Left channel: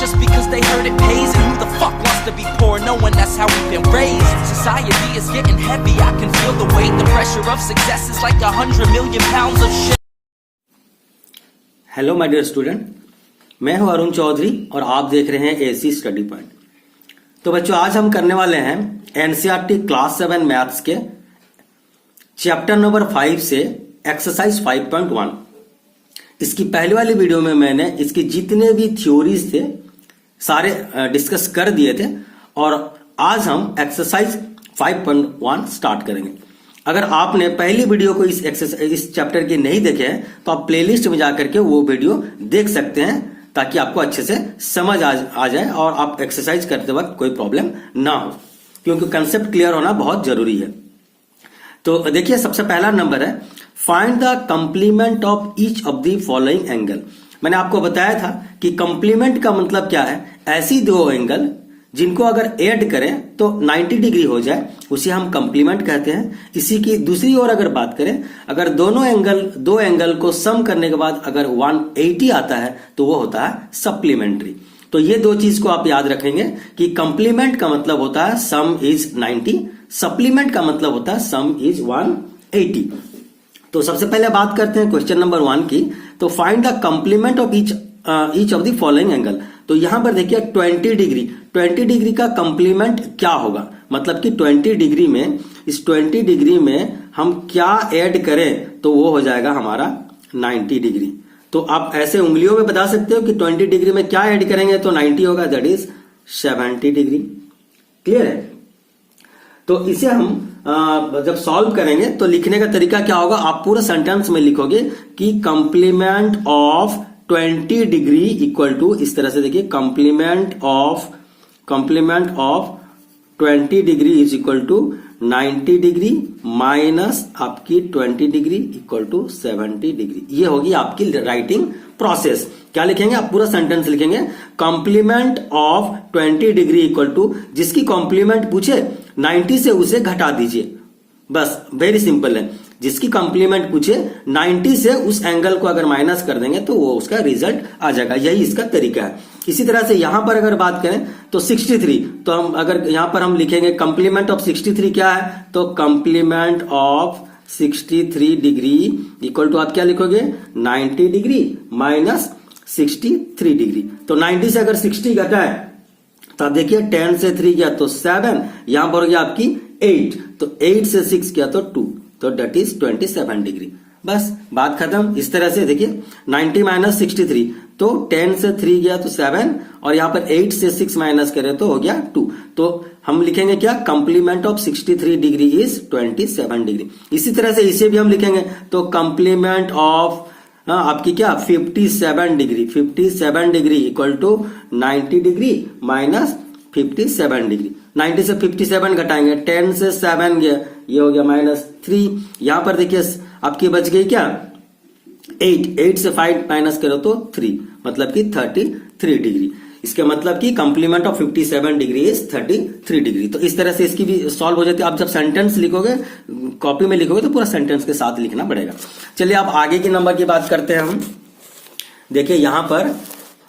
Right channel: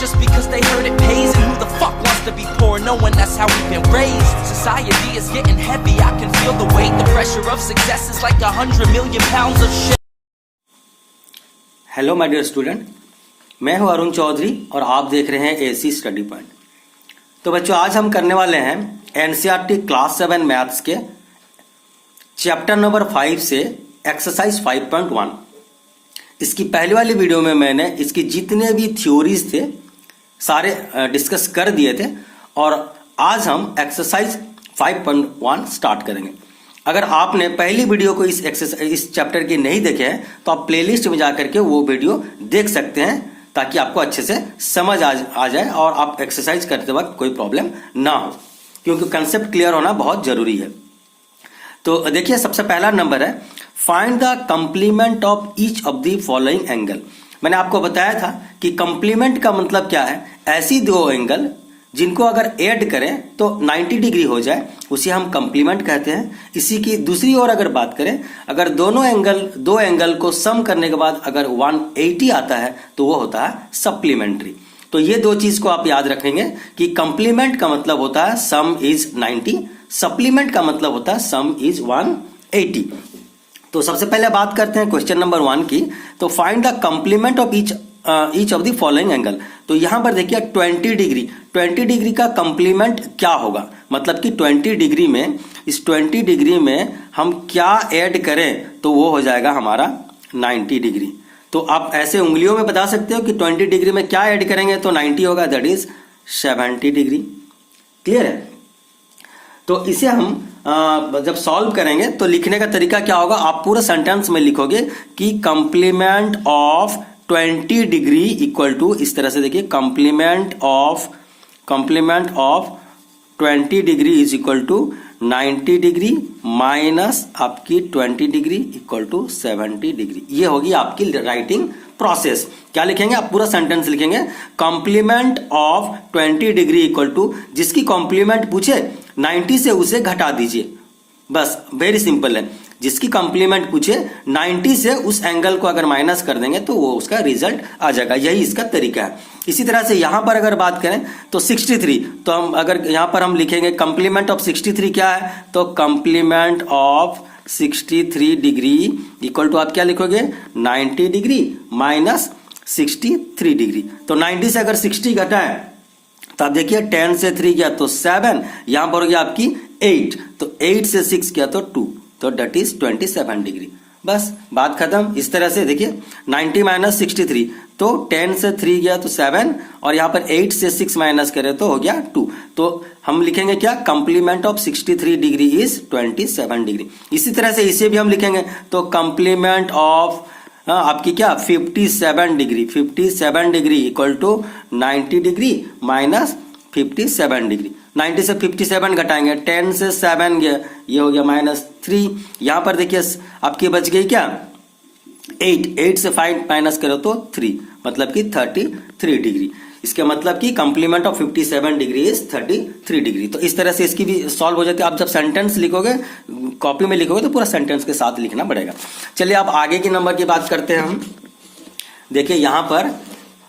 just because they heard it pays. And who the fuck wants to be poor knowing that's how we've been raised? Society is getting heavy, I can feel the weight. The pressure of success is like 100 million pounds of shit. Hello my dear student, मैं हूं अरुण चौधरी और आप देख रहे हैं AC study point. तो बच्चों, आज हम करने वाले हैं एनसीईआरटी क्लास 7 मैथ्स के चैप्टर नंबर 5 से एक्सरसाइज 5.1। इसकी पहली वाली वीडियो में मैंने इसकी जितने भी थ्योरीज थे सारे डिस्कस कर दिए थे और आज हम एक्सरसाइज 5.1 स्टार्ट करेंगे। अगर आपने पहली वीडियो को इस चैप्टर की नहीं देखे हैं तो आप प्लेलिस्ट में जाकर के वो वीडियो देख सकते हैं ताकि आपको अच्छे से समझ आ जाए और आप एक्सरसाइज करते वक्त कोई प्रॉब्लम ना हो, क्योंकि कंसेप्ट क्लियर होना बहुत जरूरी है। तो देखिए, सबसे पहला नंबर है find the complement of each of the following angle. मैंने आपको बताया था कि कंप्लीमेंट का मतलब क्या है, ऐसी दो एंगल जिनको अगर ऐड करें तो 90 डिग्री हो जाए, उसे हम कंप्लीमेंट कहते हैं। इसी की दूसरी ओर अगर बात करें, अगर दो एंगल को सम करने के बाद अगर 180 आता है तो वो होता है सप्लीमेंट्री। तो ये दो चीज को आप याद रखेंगे कि कंप्लीमेंट का मतलब होता है सम इज 90, सप्लीमेंट का मतलब होता है सम इज 180। तो सबसे पहले बात करते हैं क्वेश्चन नंबर 1 की। तो find the complement of each of the following angle. तो यहां पर देखिए 20 डिग्री का कंप्लीमेंट क्या होगा, मतलब कि 20 डिग्री में, इस 20 डिग्री में हम क्या ऐड करें तो वो हो जाएगा हमारा 90 डिग्री। तो आप ऐसे उंगलियों में बता सकते हो कि 20 डिग्री में क्या ऐड करेंगे तो 90 होगा, दैट इज 70 डिग्री। क्लियर है? तो इसे हम जब सॉल्व करेंगे तो लिखने का तरीका क्या होगा, आप पूरा सेंटेंस में लिखोगे कि complement of 20 degree equal to, इस तरह से देखिए, complement of 20 degree is equal to 90 degree minus आपकी 20 डिग्री इक्वल टू 70 डिग्री। ये होगी आपकी राइटिंग प्रोसेस। क्या लिखेंगे, आप पूरा सेंटेंस लिखेंगे complement of 20 degree equal to, जिसकी कॉम्प्लीमेंट पूछे 90 से उसे घटा दीजिए, बस वेरी सिंपल है। जिसकी कंप्लीमेंट पूछे 90 से उस एंगल को अगर माइनस कर देंगे तो वो उसका रिजल्ट आ जाएगा। यही इसका तरीका है। इसी तरह से यहां पर अगर बात करें तो 63, तो हम अगर यहां पर हम लिखेंगे कंप्लीमेंट ऑफ 63 क्या है, तो complement of 63 degree equal to आप क्या लिखोगे 90 डिग्री माइनस 63 डिग्री। तो 90 से अगर 60 घटा है तो आप देखिए 10 से 3 गया तो 7, यहां पर हो गया आपकी 8, तो 8 से 6 गया तो 2, तो डेट इज 27 डिग्री। बस बात खत्म। इस तरह से देखिए 90 माइनस 63, तो 10 से 3 गया तो 7 और यहां पर 8 से 6 माइनस करें तो हो गया 2। तो हम लिखेंगे क्या, complement of 63 degree is 27 degree. इसी तरह से इसे भी हम लिखेंगे तो कंप्लीमेंट ऑफ आपकी क्या 57 degree equal to 90 degree minus 57 degree. 90 से 57 घटाएंगे, 10 से 7 गया, ये हो गया माइनस 3। यहां पर देखिए आपकी बच गई क्या 8 से 5 माइनस करो तो 3, मतलब कि 33 डिग्री। इसका मतलब कि complement of 57 degree is 33 degree. तो इस तरह से इसकी भी सॉल्व हो जाती है। आप जब सेंटेंस लिखोगे, कॉपी में लिखोगे तो पूरा सेंटेंस के साथ लिखना पड़ेगा। चलिए आप आगे के नंबर की बात करते हैं हम। देखिए यहां पर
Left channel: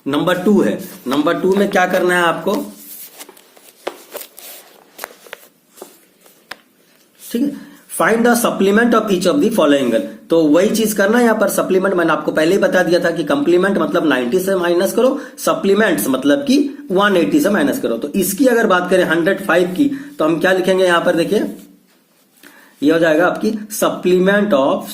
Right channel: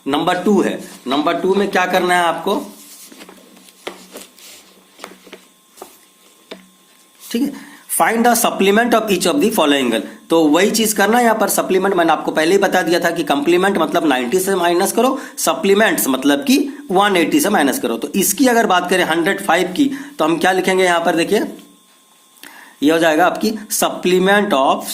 नंबर 2 है। नंबर 2 में क्या करना है आपको, ठीक है, find the supplement of each of the following angle. तो वही चीज करना है यहां पर। सप्लीमेंट मैंने आपको पहले ही बता दिया था कि कंप्लीमेंट मतलब 90 से माइनस करो, सप्लीमेंट्स मतलब कि 180 से माइनस करो। तो इसकी अगर बात करें 105 की तो हम क्या लिखेंगे यहां पर, देखिए ये हो जाएगा आपकी supplement of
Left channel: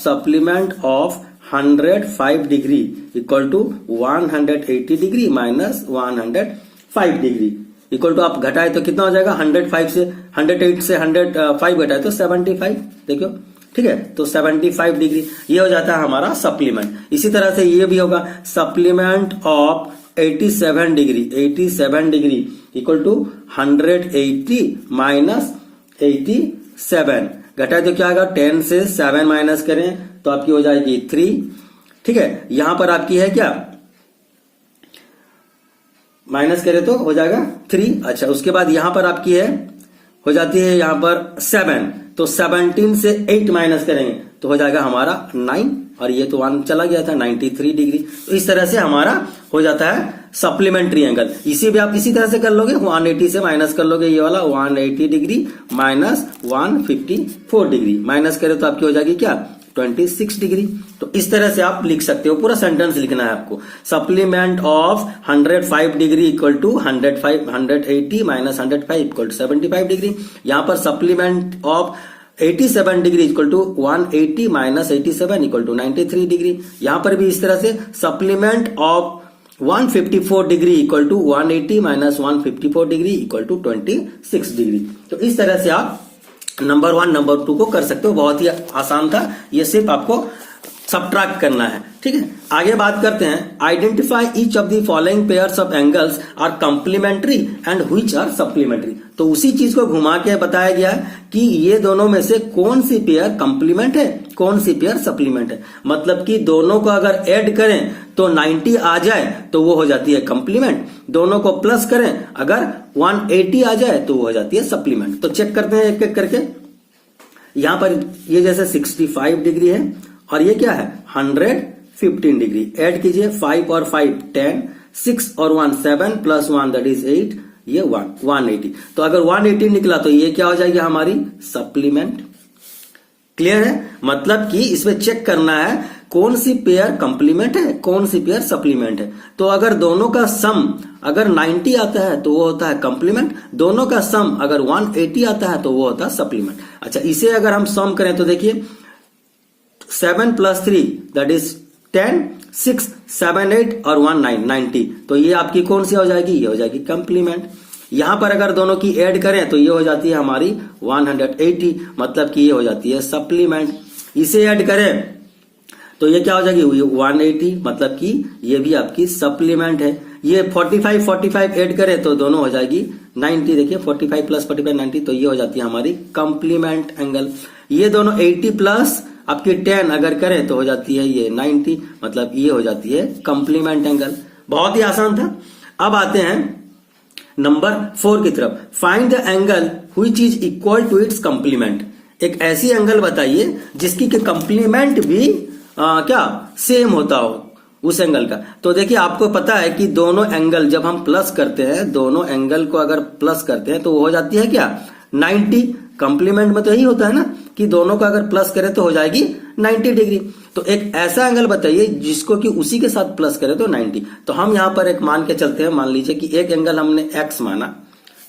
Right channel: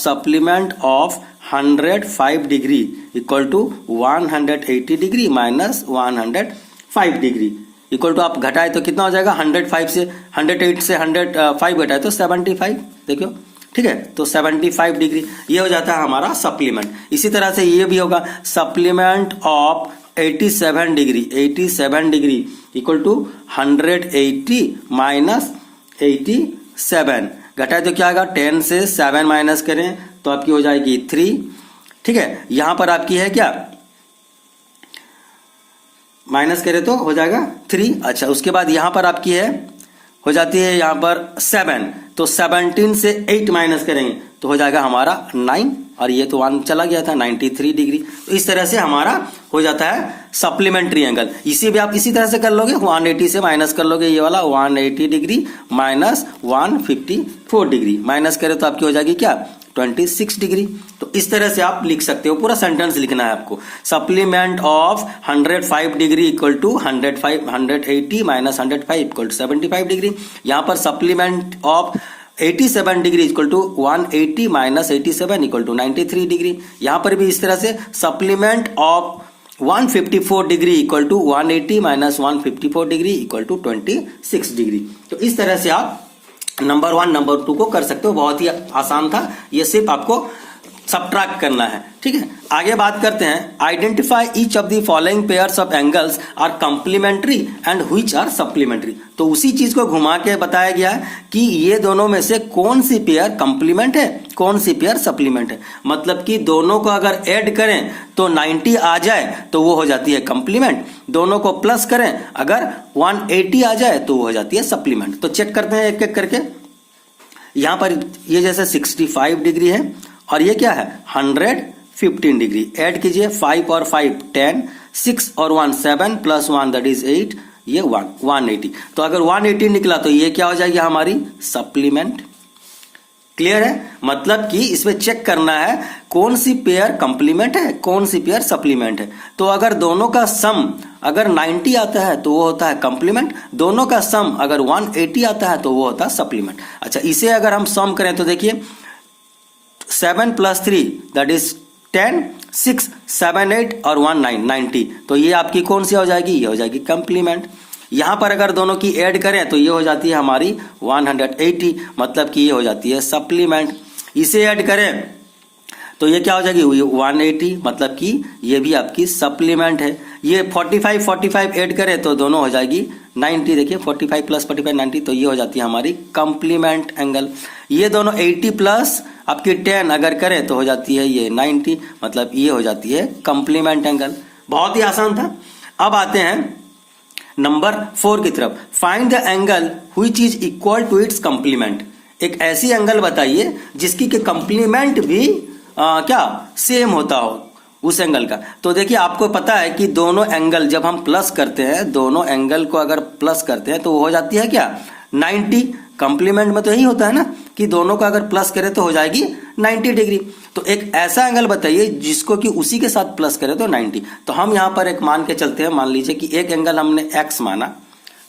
105 degree equal to 180 degree minus 105 degree equal to आप घटाए तो कितना हो जाएगा, 108 से 105 घटाए तो 75, देखियो, ठीक है, तो 75 डिग्री ये हो जाता है हमारा सप्लीमेंट। इसी तरह से ये भी होगा supplement of 87 degree equal to 180 minus 87, घटाए तो क्या होगा, 10 से 7 माइनस करें तो आपकी हो जाएगी 3, ठीक है। यहां पर आपकी है क्या, माइनस करें तो हो जाएगा 3। अच्छा, उसके बाद यहां पर आपकी है, हो जाती है यहां पर 7, तो 17 से 8 माइनस करेंगे तो हो जाएगा हमारा 9। और ये तो 1 चला गया था 93 डिग्री। तो इस तरह से हमारा हो जाता है सप्लीमेंट्री एंगल। इसी भी आप इसी तरह से कर लोगे, 180 से माइनस कर लोगे, ये वाला 180 डिग्री माइनस 154 डिग्री, माइनस करें तो आपकी हो जाएगी क्या 26 डिग्री। तो इस तरह से आप लिख सकते हो, पूरा सेंटेंस लिखना है आपको। Supplement of 105 degree equal to 180 minus 105 equal to 75 degree. यहां पर supplement of 87 degree equal to 180 minus 87 equal to 93 degree. यहां पर भी इस तरह से supplement of 154 degree equal to 180 minus 154 degree equal to 26 degree. तो इस तरह से आप नंबर 1 नंबर 2 को कर सकते हो। बहुत ही आसान था, ये सिर्फ आपको सबट्रैक्ट करना है, ठीक है। आगे बात करते हैं, identify each of the following pairs of angles are complementary and which are supplementary. तो उसी चीज को घुमा के बताया गया है कि ये दोनों में से कौन सी पेयर कंप्लीमेंट है, कौन सी पेयर सप्लीमेंट है। मतलब कि दोनों को अगर ऐड करें तो 90 आ जाए तो वो हो जाती है कंप्लीमेंट, दोनों को प्लस करें अगर 180 आ जाए तो वो हो जाती है सप्लीमेंट। तो चेक करते हैं एक एक करके। यहां पर ये जैसे 65 डिग्री है और ये क्या है 115 डिग्री। ऐड कीजिए 5 और 5 10, 6 और 1 7 प्लस 1 दैट इज 8, ये 180। तो अगर 180 निकला तो ये क्या हो जाएगी हमारी सप्लीमेंट। क्लियर है, मतलब कि इसमें चेक करना है कौन सी पेयर कंप्लीमेंट है, कौन सी पेयर सप्लीमेंट है। तो अगर दोनों का सम अगर 90 आता है तो वो होता है कंप्लीमेंट, दोनों का सम अगर 180 आता है तो वो होता है सप्लीमेंट। अच्छा, इसे अगर हम सम करें तो देखिए 7 प्लस 3 दैट इज 10, 6 7 8 और 1 9 90। तो ये आपकी कौन सी हो जाएगी, ये हो जाएगी कंप्लीमेंट। यहां पर अगर दोनों की ऐड करें तो ये हो जाती है हमारी 180, मतलब कि ये हो जाती है सप्लीमेंट। इसे ऐड करें तो ये क्या हो जाएगी 180, मतलब कि ये भी आपकी सप्लीमेंट है। ये 45 ऐड करें तो दोनों हो जाएगी 90। देखिए 45 प्लस 45 90, तो ये हो जाती है हमारी कंप्लीमेंट एंगल। ये दोनों 80 प्लस आपकी 10 अगर करें तो हो जाती है ये 90, मतलब ये हो जाती है कंप्लीमेंट एंगल। बहुत ही आसान था। अब आते हैं नंबर 4 की तरफ। Find the angle which is equal to its complement. एक ऐसी एंगल बताइए जिसकी के कंप्लीमेंट भी क्या सेम होता हो उस एंगल का। तो देखिए आपको पता है कि दोनों एंगल जब हम प्लस करते हैं, दोनों एंगल को अगर प्लस करते हैं तो वो हो जाती है क्या 90। कंप्लीमेंट में तो यही होता है ना कि दोनों को अगर प्लस करें तो हो जाएगी 90 डिग्री। तो एक ऐसा एंगल बताइए जिसको कि उसी के साथ प्लस करें तो 90। तो हम यहां पर एक मान के चलते हैं, मान लीजिए कि एक एंगल हमने x माना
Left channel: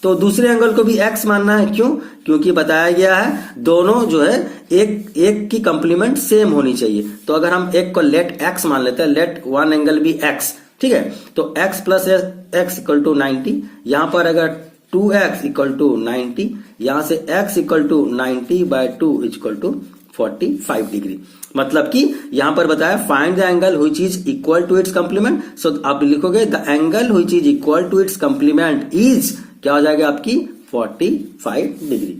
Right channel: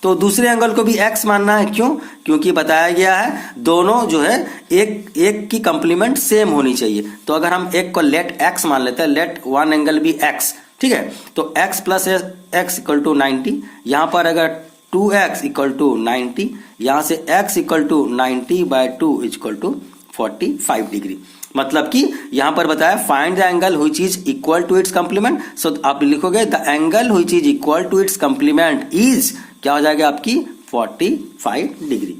तो दूसरे एंगल को भी x मानना है। क्यों? क्योंकि बताया गया है दोनों जो है एक की कंप्लीमेंट सेम होनी चाहिए। तो अगर हम एक को लेट x मान लेते हैं, लेट वन एंगल भी x, ठीक है। तो x plus x equal to 90, यहां पर अगर 2x इक्वल टू 90, यहां से x equal to 90 by 2 equal to 45 degree. मतलब कि यहां पर बताया find the angle which is equal to its complement. So आप लिखोगे the angle which is equal to its complement is, क्या हो जाएगा आपकी 45 डिग्री।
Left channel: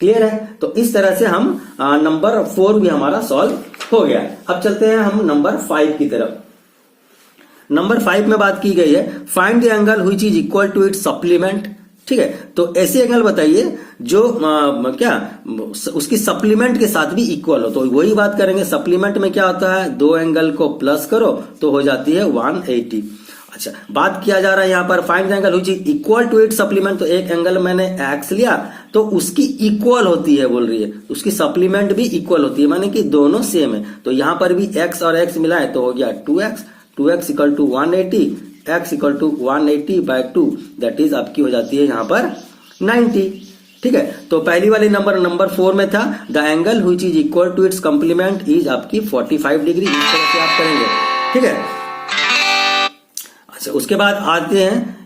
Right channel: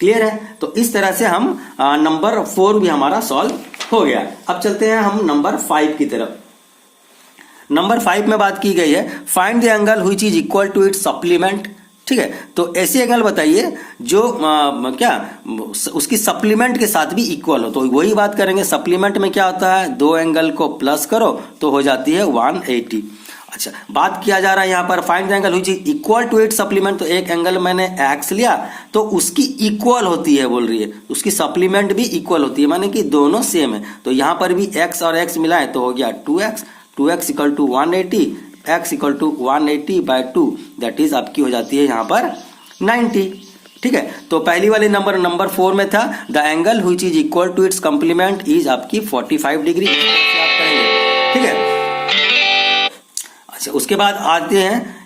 क्लियर है। तो इस तरह से हम नंबर 4 भी हमारा सॉल्व हो गया। अब चलते हैं हम नंबर 5 की तरफ। नंबर 5 में बात की गई है find the angle which is equal to its supplement. ठीक है, तो ऐसी एंगल बताइए जो क्या उसकी सप्लीमेंट के साथ भी इक्वल हो। तो वही बात करेंगे, सप्लीमेंट में क्या होता है दो एंगल को प्लस करो तो हो जाती है 180। अच्छा, बात किया जा रहा है यहाँ पर find the angle which is equal to its supplement. तो एक एंगल मैंने x लिया तो उसकी इक्वल होती है, बोल रही है उसकी सप्लीमेंट भी इक्वल होती है, माने कि दोनों सेम है। तो यहाँ पर भी x और x मिला है तो हो गया 2x equal to 180, x equal to 180 by 2 that is आपकी हो जाती है यहाँ पर 90। ठीक है, तो पहली वाली नंबर 4 में था the angle which is equal to its complement is आपकी 45 डिग्री। इस तरह से आप करेंगे, ठीक है। अच्छा, उसके बाद आते हैं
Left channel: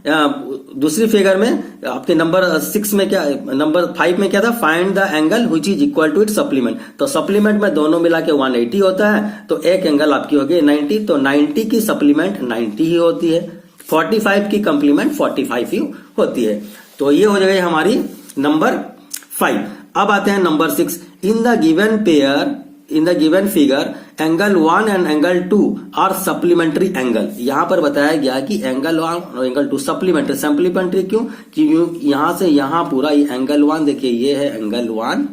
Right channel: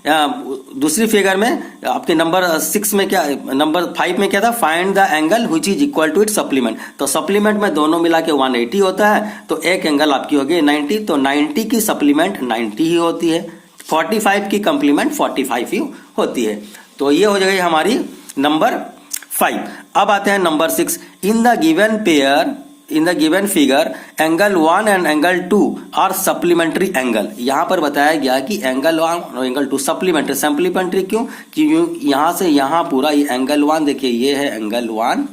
दूसरी फिगर में आपके नंबर 6 में क्या, नंबर 5 में क्या था find the angle which is equal to its supplement. तो सप्लीमेंट में दोनों मिला के 180 होता है, तो एक एंगल आपकी हो गई 90। तो 90 की सप्लीमेंट 90 ही होती है, 45 की कंप्लीमेंट 45 ही होती है। तो ये हो जाएगी हमारी नंबर 5। अब आते हैं number 6। In the given figure angle 1 and angle 2 are supplementary angle. यहां पर बताया गया कि एंगल 1 और एंगल 2 सप्लीमेंट्री। क्यों? क्योंकि यहां से यहां पूरा ये एंगल 1 देखिए, ये है एंगल 1,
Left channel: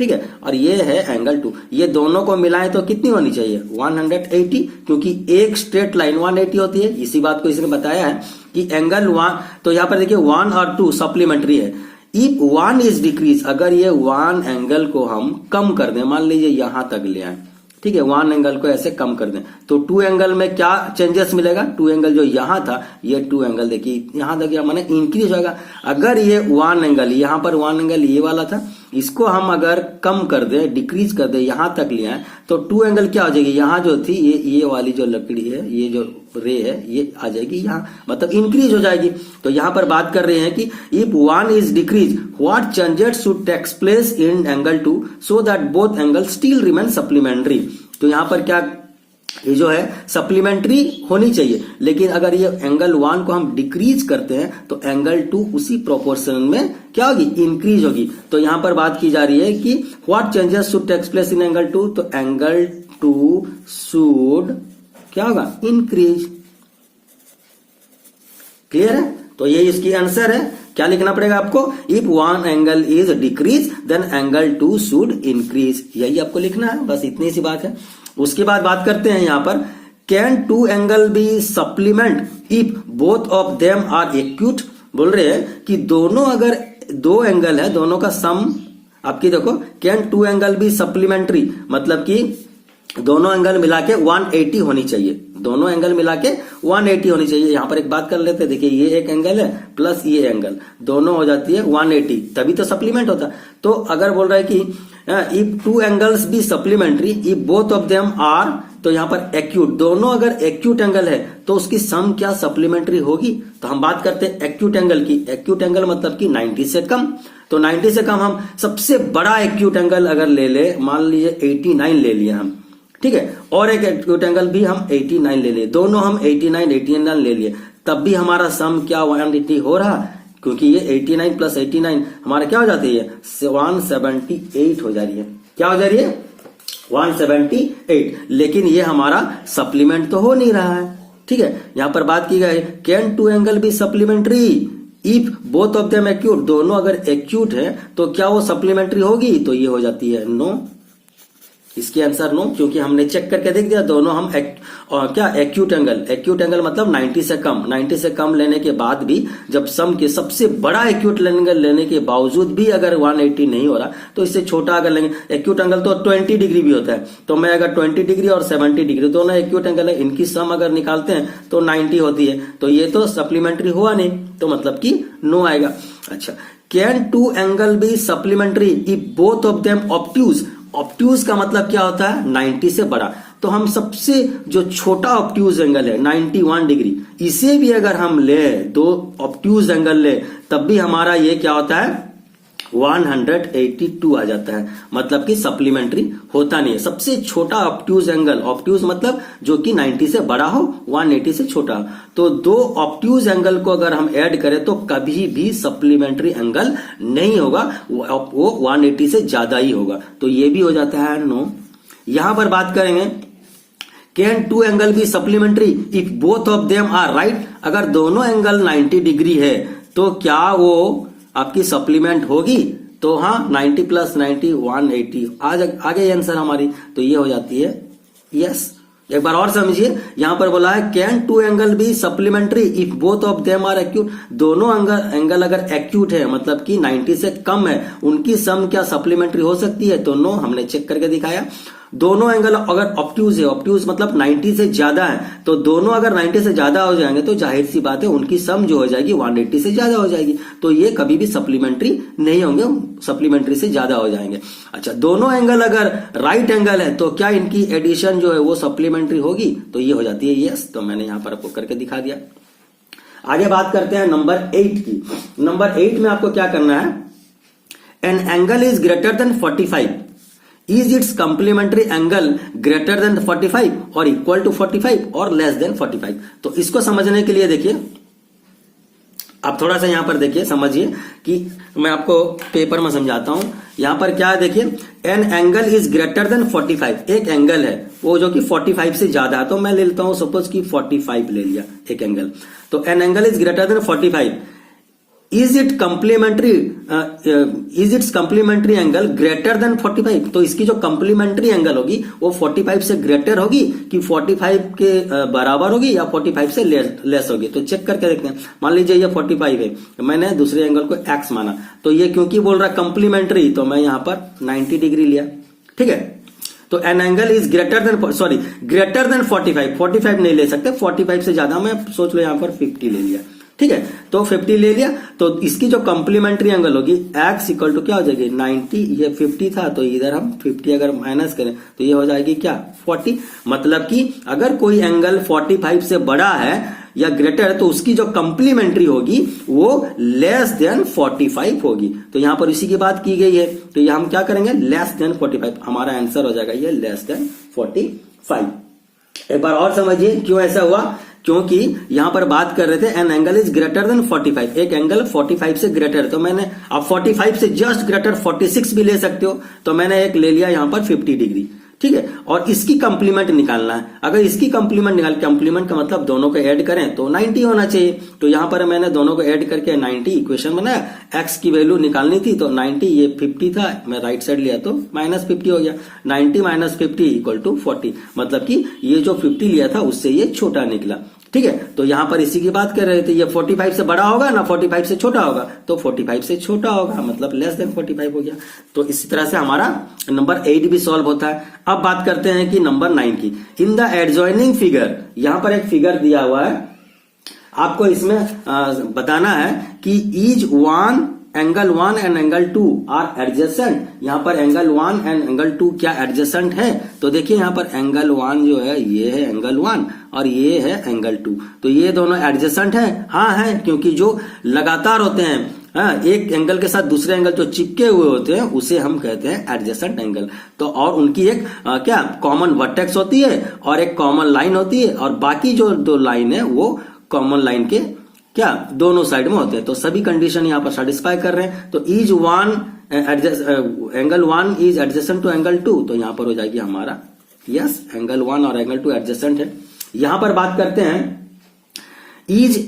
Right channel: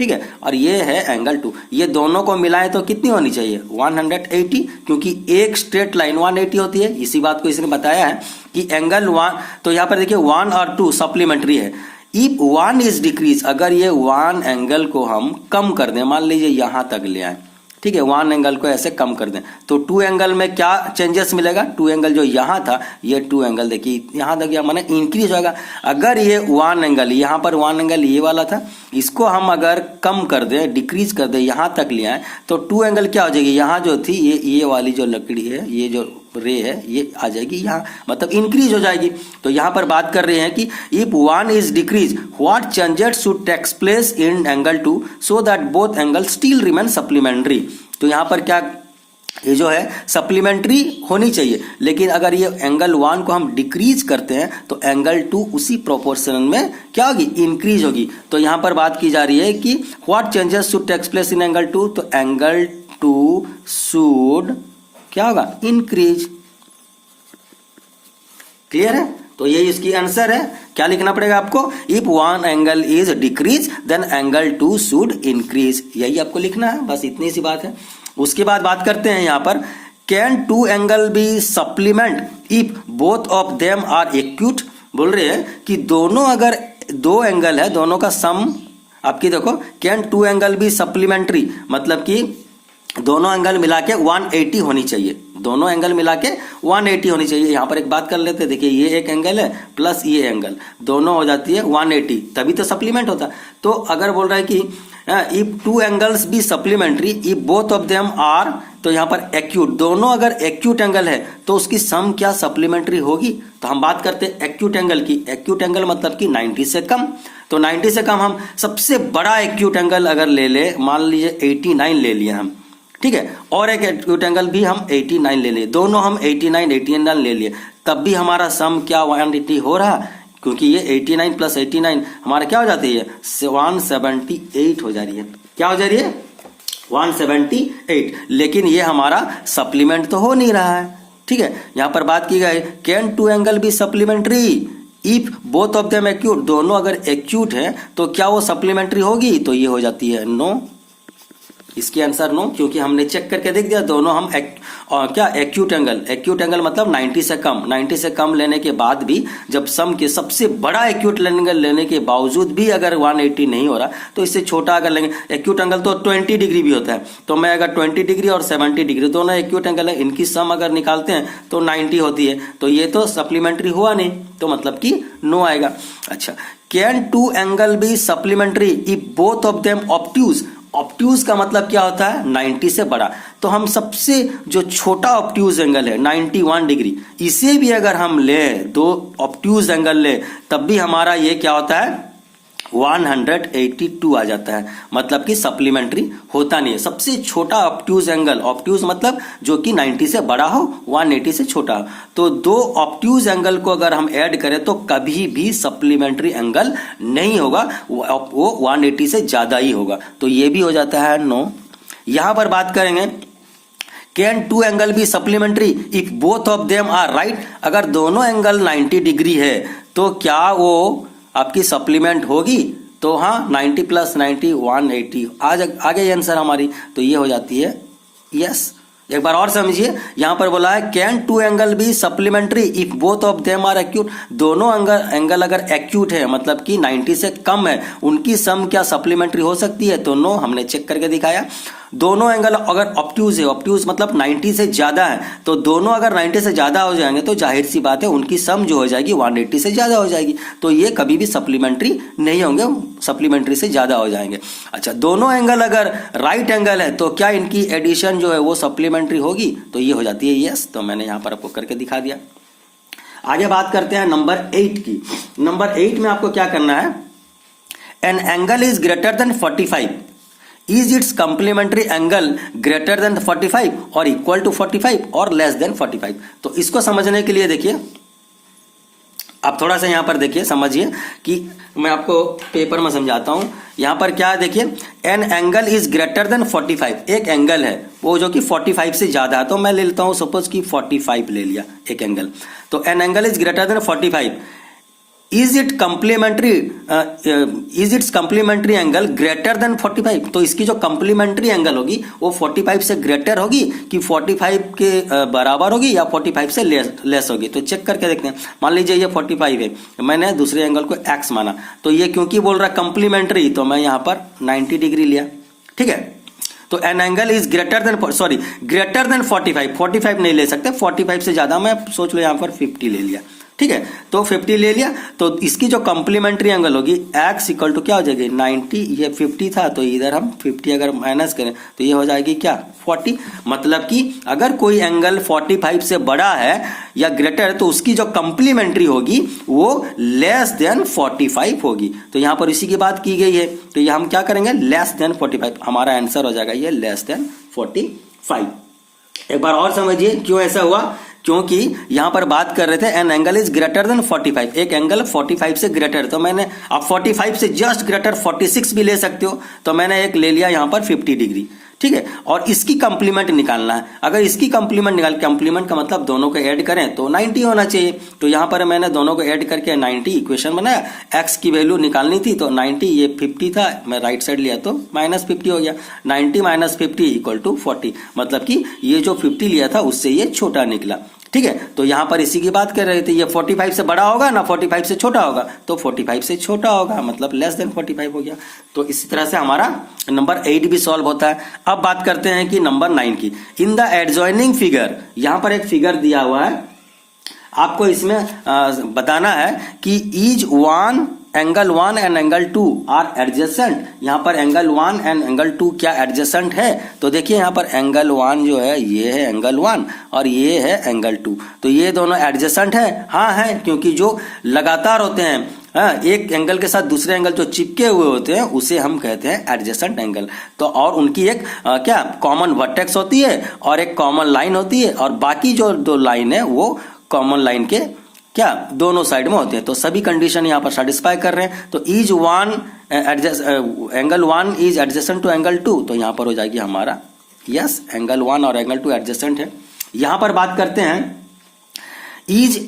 ठीक है, और ये है एंगल 2। ये दोनों को मिलाएं तो कितनी होनी चाहिए 180, क्योंकि एक स्ट्रेट लाइन 180 होती है। इसी बात को इसने बताया है कि एंगल 1, तो यहां पर देखिए 1 और 2 सप्लीमेंट्री है। इफ 1 इज डिक्रीज, अगर ये 1 एंगल को हम कम कर दें, मान लीजिए यहां तक ले आए, ठीक है, 1 एंगल को ऐसे कम कर दें, तो 2 एंगल में क्या चेंजेस मिलेगा, 2 एंगल जो यहां था, ये 2 एंगल देखिए यहां तक गया, माने इंक्रीज होगा। अगर ये 1 एंगल, यहां पर 1 एंगल ये वाला था, इसको हम अगर कम कर दें, डिक्रीज कर दें, यहां तक ले आए, तो 2 एंगल क्या हो जाएगी, यहां जो थी ये वाली जो लकड़ी है, ये जो रे है, ये आ जाएगी यहां, मतलब इंक्रीज हो जाएगी। तो यहां पर बात कर रहे हैं कि if 1 is decrease, what changes should takes place in angle 2 so that both angle still remain supplementary. तो यहां पर क्या, ये जो है सप्लीमेंट्री होनी चाहिए, लेकिन अगर ये एंगल 1 को हम डिक्रीज करते हैं तो एंगल 2 उसी प्रोपोर्शन में क्या होगी, इंक्रीज होगी। तो यहां पर बात की जा रही है कि what changes should takes place in angle 2, तो एंगल 2 शुड क्या होगा, इंक्रीज। क्लियर है, तो ये इसकी आंसर है। क्या लिखना पड़ेगा आपको, if 1 angle is decrease then angle 2 should increase, यही आपको लिखना है, बस इतनी सी बात है। उसके बाद बात करते हैं यहां पर, can 2 angle be supplement if both of them are acute. बोल रहे हैं कि दोनों अगर 2 एंगल है, दोनों का सम आपकी देखो, कैन 2 एंगल बी सप्लीमेंट्री, मतलब कि दोनों एंगल मिला के 180 होनी चाहिए, दोनों एंगल मिला के 180 होनी चाहिए। यहां पर एक बात कर लेते हैं, देखिए ये एक एंगल है प्लस ये एंगल, दोनों हो जाती है 180, तभी तो सप्लीमेंट होता। तो अगर बोल रहा है कि if 2 angles be supplementary if both of them are, तो यहां पर एक्यूट, दोनों अगर एक्यूट एंगल है तो उसकी सम क्या सप्लीमेंट्री होगी। तो हम बात करते हैं एक्यूट एंगल की। एक्यूट एंगल मतलब कि 90 से कम, तो 90 से कम हम सबसे बड़ा एक्यूट एंगल अगर ले ले, मान लीजिए 89 ले लिए हम, ठीक है, और एक एक्यूट एंगल भी हम 89 ले लिए, दोनों हम 89 ले लिए, तब भी हमारा सम क्या 180 हो रहा, क्योंकि ये 89 प्लस 89 हमारा क्या हो जाती है 178 हो जा रही है। क्या हो जा रही है 178, लेकिन ये हमारा सप्लीमेंट तो हो नहीं रहा है। ठीक है, यहां पर बात की गई can 2 angle be supplementary if both of them acute, दोनों अगर एक्यूट है तो क्या वो सप्लीमेंट्री होगी, तो ये हो जाती है नो। इसकी आंसर नो, क्योंकि हमने चेक करके देख दिया दोनों हम क्या एक्यूट एंगल मतलब 90 से कम, 90 से कम लेने के बाद भी जब सम के सबसे बड़ा एक्यूट एंगल लेने के बावजूद भी अगर 180 नहीं हो रहा, तो इससे छोटा अगर लेंगे, एक्यूट एंगल तो 20 डिग्री भी होता है, तो मैं अगर 20 डिग्री और 70 डिग्री दोनों एक्यूट एंगल है, इनकी सम अगर निकालते हैं तो 90 होती है, तो ये तो सप्लीमेंट्री हुआ नहीं, तो मतलब कि नो आएगा। अच्छा, can 2 angle be supplementary if both of them obtuse. Obtuse का मतलब क्या होता है 90 से बड़ा, तो हम सबसे जो छोटा ऑब्ट्यूज एंगल है 91 डिग्री, इसे भी अगर हम ले, 2 ऑब्ट्यूज एंगल ले, तब भी हमारा ये क्या होता है 182 आ जाता है, मतलब कि सप्लीमेंट्री होता नहीं है। सबसे छोटा ऑब्ट्यूज एंगल, ऑब्ट्यूज मतलब जो कि 90 से बड़ा हो, 180 से छोटा हो, तो 2 ऑब्ट्यूज एंगल को अगर हम ऐड करें तो कभी भी सप्लीमेंट्री एंगल नहीं होगा, वो 180 से ज्यादा ही होगा, तो ये भी हो जाता है नो। यहां पर बात करेंगे can 2 angle be supplementary if both of them are right, अगर दोनों एंगल 90 डिग्री है तो क्या वो आपकी सप्लीमेंट होगी, तो हाँ 90 प्लस 90 180 आ गई आंसर हमारी, तो ये हो जाती है यस। एक बार और समझिए, यहां पर बोला है can 2 angle be supplementary if both of them are acute, दोनों एंगल अगर एक्यूट है मतलब कि 90 से कम है, उनकी सम क्या सप्लीमेंट्री हो सकती है, तो नो, हमने चेक करके दिखाया। दोनों एंगल अगर ऑब्ट्यूज है, ऑब्ट्यूज मतलब 90 से ज्यादा है, तो दोनों अगर 90 से ज्यादा हो जाएंगे तो जाहिर सी बात है उनकी सम जो हो जाएगी 180 से ज्यादा हो जाएगी, तो ये कभी भी सप्लीमेंट्री नहीं होंगे, सप्लीमेंट्री से ज्यादा हो जाएंगे। अच्छा, दोनों एंगल अगर राइट एंगल है तो क्या इनकी एडिशन जो है वो सप्लीमेंट्री होगी, तो ये हो जाती है यस, तो मैंने यहां पर आपको करके दिखा दिया। आगे बात करते हैं नंबर 8 की। नंबर 8 में आपको क्या करना है, an angle is greater than 45, is it's complementary angle greater than 45 और इक्वल टू 45 और लेस देन 45। तो इसको समझने के लिए देखिए, आप थोड़ा सा यहां पर देखिए, समझिए कि मैं आपको पेपर में समझाता हूं। यहां पर क्या है देखिए, an angle is greater than 45, एक एंगल है वो जो कि 45 से ज्यादा है, तो मैं ले लेता हूं सपोज कि 45 ले लिया एक एंगल, तो an angle is greater than 45 is it's complementary angle greater than 45? तो इसकी जो कंप्लीमेंट्री एंगल होगी वो 45 से ग्रेटर होगी कि 45 के बराबर होगी या 45 से लेस होगी? तो चेक करके देखते हैं। मान लीजिए ये 45 है, मैंने दूसरे एंगल को x माना, तो ये क्योंकि बोल रहा है कंप्लीमेंट्री, तो मैं यहां पर 90 डिग्री लिया। ठीक है, तो an angle is greater than 45। 45 नहीं ले सकते, 45 से ज्यादा, मैं सोच लो यहां पर 50 ले लिया। ठीक है, तो 50 ले लिया, तो इसकी जो कंप्लीमेंट्री एंगल होगी x इक्वल टू क्या हो जाएगी 90, ये 50 था तो इधर हम 50 अगर माइनस करें तो ये हो जाएगी क्या 40। मतलब कि अगर कोई एंगल 45 से बड़ा है या ग्रेटर है तो उसकी जो कंप्लीमेंट्री होगी वो लेस देन 45 होगी। तो यहां पर इसी की बात की गई है, तो ये हम क्या करेंगे लेस देन 45, हमारा आंसर हो जाएगा ये लेस देन 45। एक बार और समझिए क्यों ऐसा हुआ, क्योंकि यहां पर बात कर रहे थे an angle is greater than 45, एक एंगल 45 से ग्रेटर, तो मैंने अब 45 से जस्ट ग्रेटर 46 भी ले सकते हो, तो मैंने एक ले लिया यहां पर 50 डिग्री। ठीक है, और इसकी कंप्लीमेंट निकालना है, अगर इसकी कंप्लीमेंट का मतलब दोनों को ऐड करें तो 90 होना चाहिए। तो यहां पर मैंने दोनों को ऐड करके 90 इक्वेशन बनाया, x की वैल्यू निकालनी थी तो 90, ये 50 था, मैं राइट साइड लिया तो -50 हो गया। 90 - 50 इक्वल टू 40, मतलब कि ये जो 50 लिया था उससे ये छोटा निकला। ठीक है, तो यहां पर इसी की बात कर रहे थे, ये 45 से बड़ा होगा ना 45 से छोटा होगा, तो 45 से छोटा होगा, मतलब लेस देन 45 हो गया। तो इसी तरह से हमारा नंबर 8 भी सॉल्व होता है। अब बात करते हैं कि नंबर 9 की। इन द एडजॉइनिंग फिगर, यहां पर एक फिगर दिया हुआ है, आपको इसमें बताना है कि is one angle 1 and angle 2 are adjacent. यहां पर एंगल 1 एंड एंगल 2 क्या एडजेसेंट है? तो देखिए यहां पर एंगल 1 जो है ये है एंगल 1 और ये है एंगल 2, तो ये दोनों एडजेसेंट है। हाँ है, क्योंकि जो लगातार होते हैं, एक एंगल के साथ दूसरे एंगल जो चिपके हुए होते हैं उसे हम कहते हैं एडजेसेंट एंगल। तो और उनकी एक क्या कॉमन वर्टेक्स होती है और एक कॉमन लाइन होती है, और बाकी जो दो लाइन है वो कॉमन लाइन के क्या दोनों साइड में होते हैं। तो सभी कंडीशन यहां पर सेटिस्फाई कर रहे हैं। तो is one angle 1 is adjacent to angle 2, तो यहां पर हो जाएगी हमारा यस एंगल 1 और एंगल 2 एडजेसेंट है। यहां पर बात करते हैं इज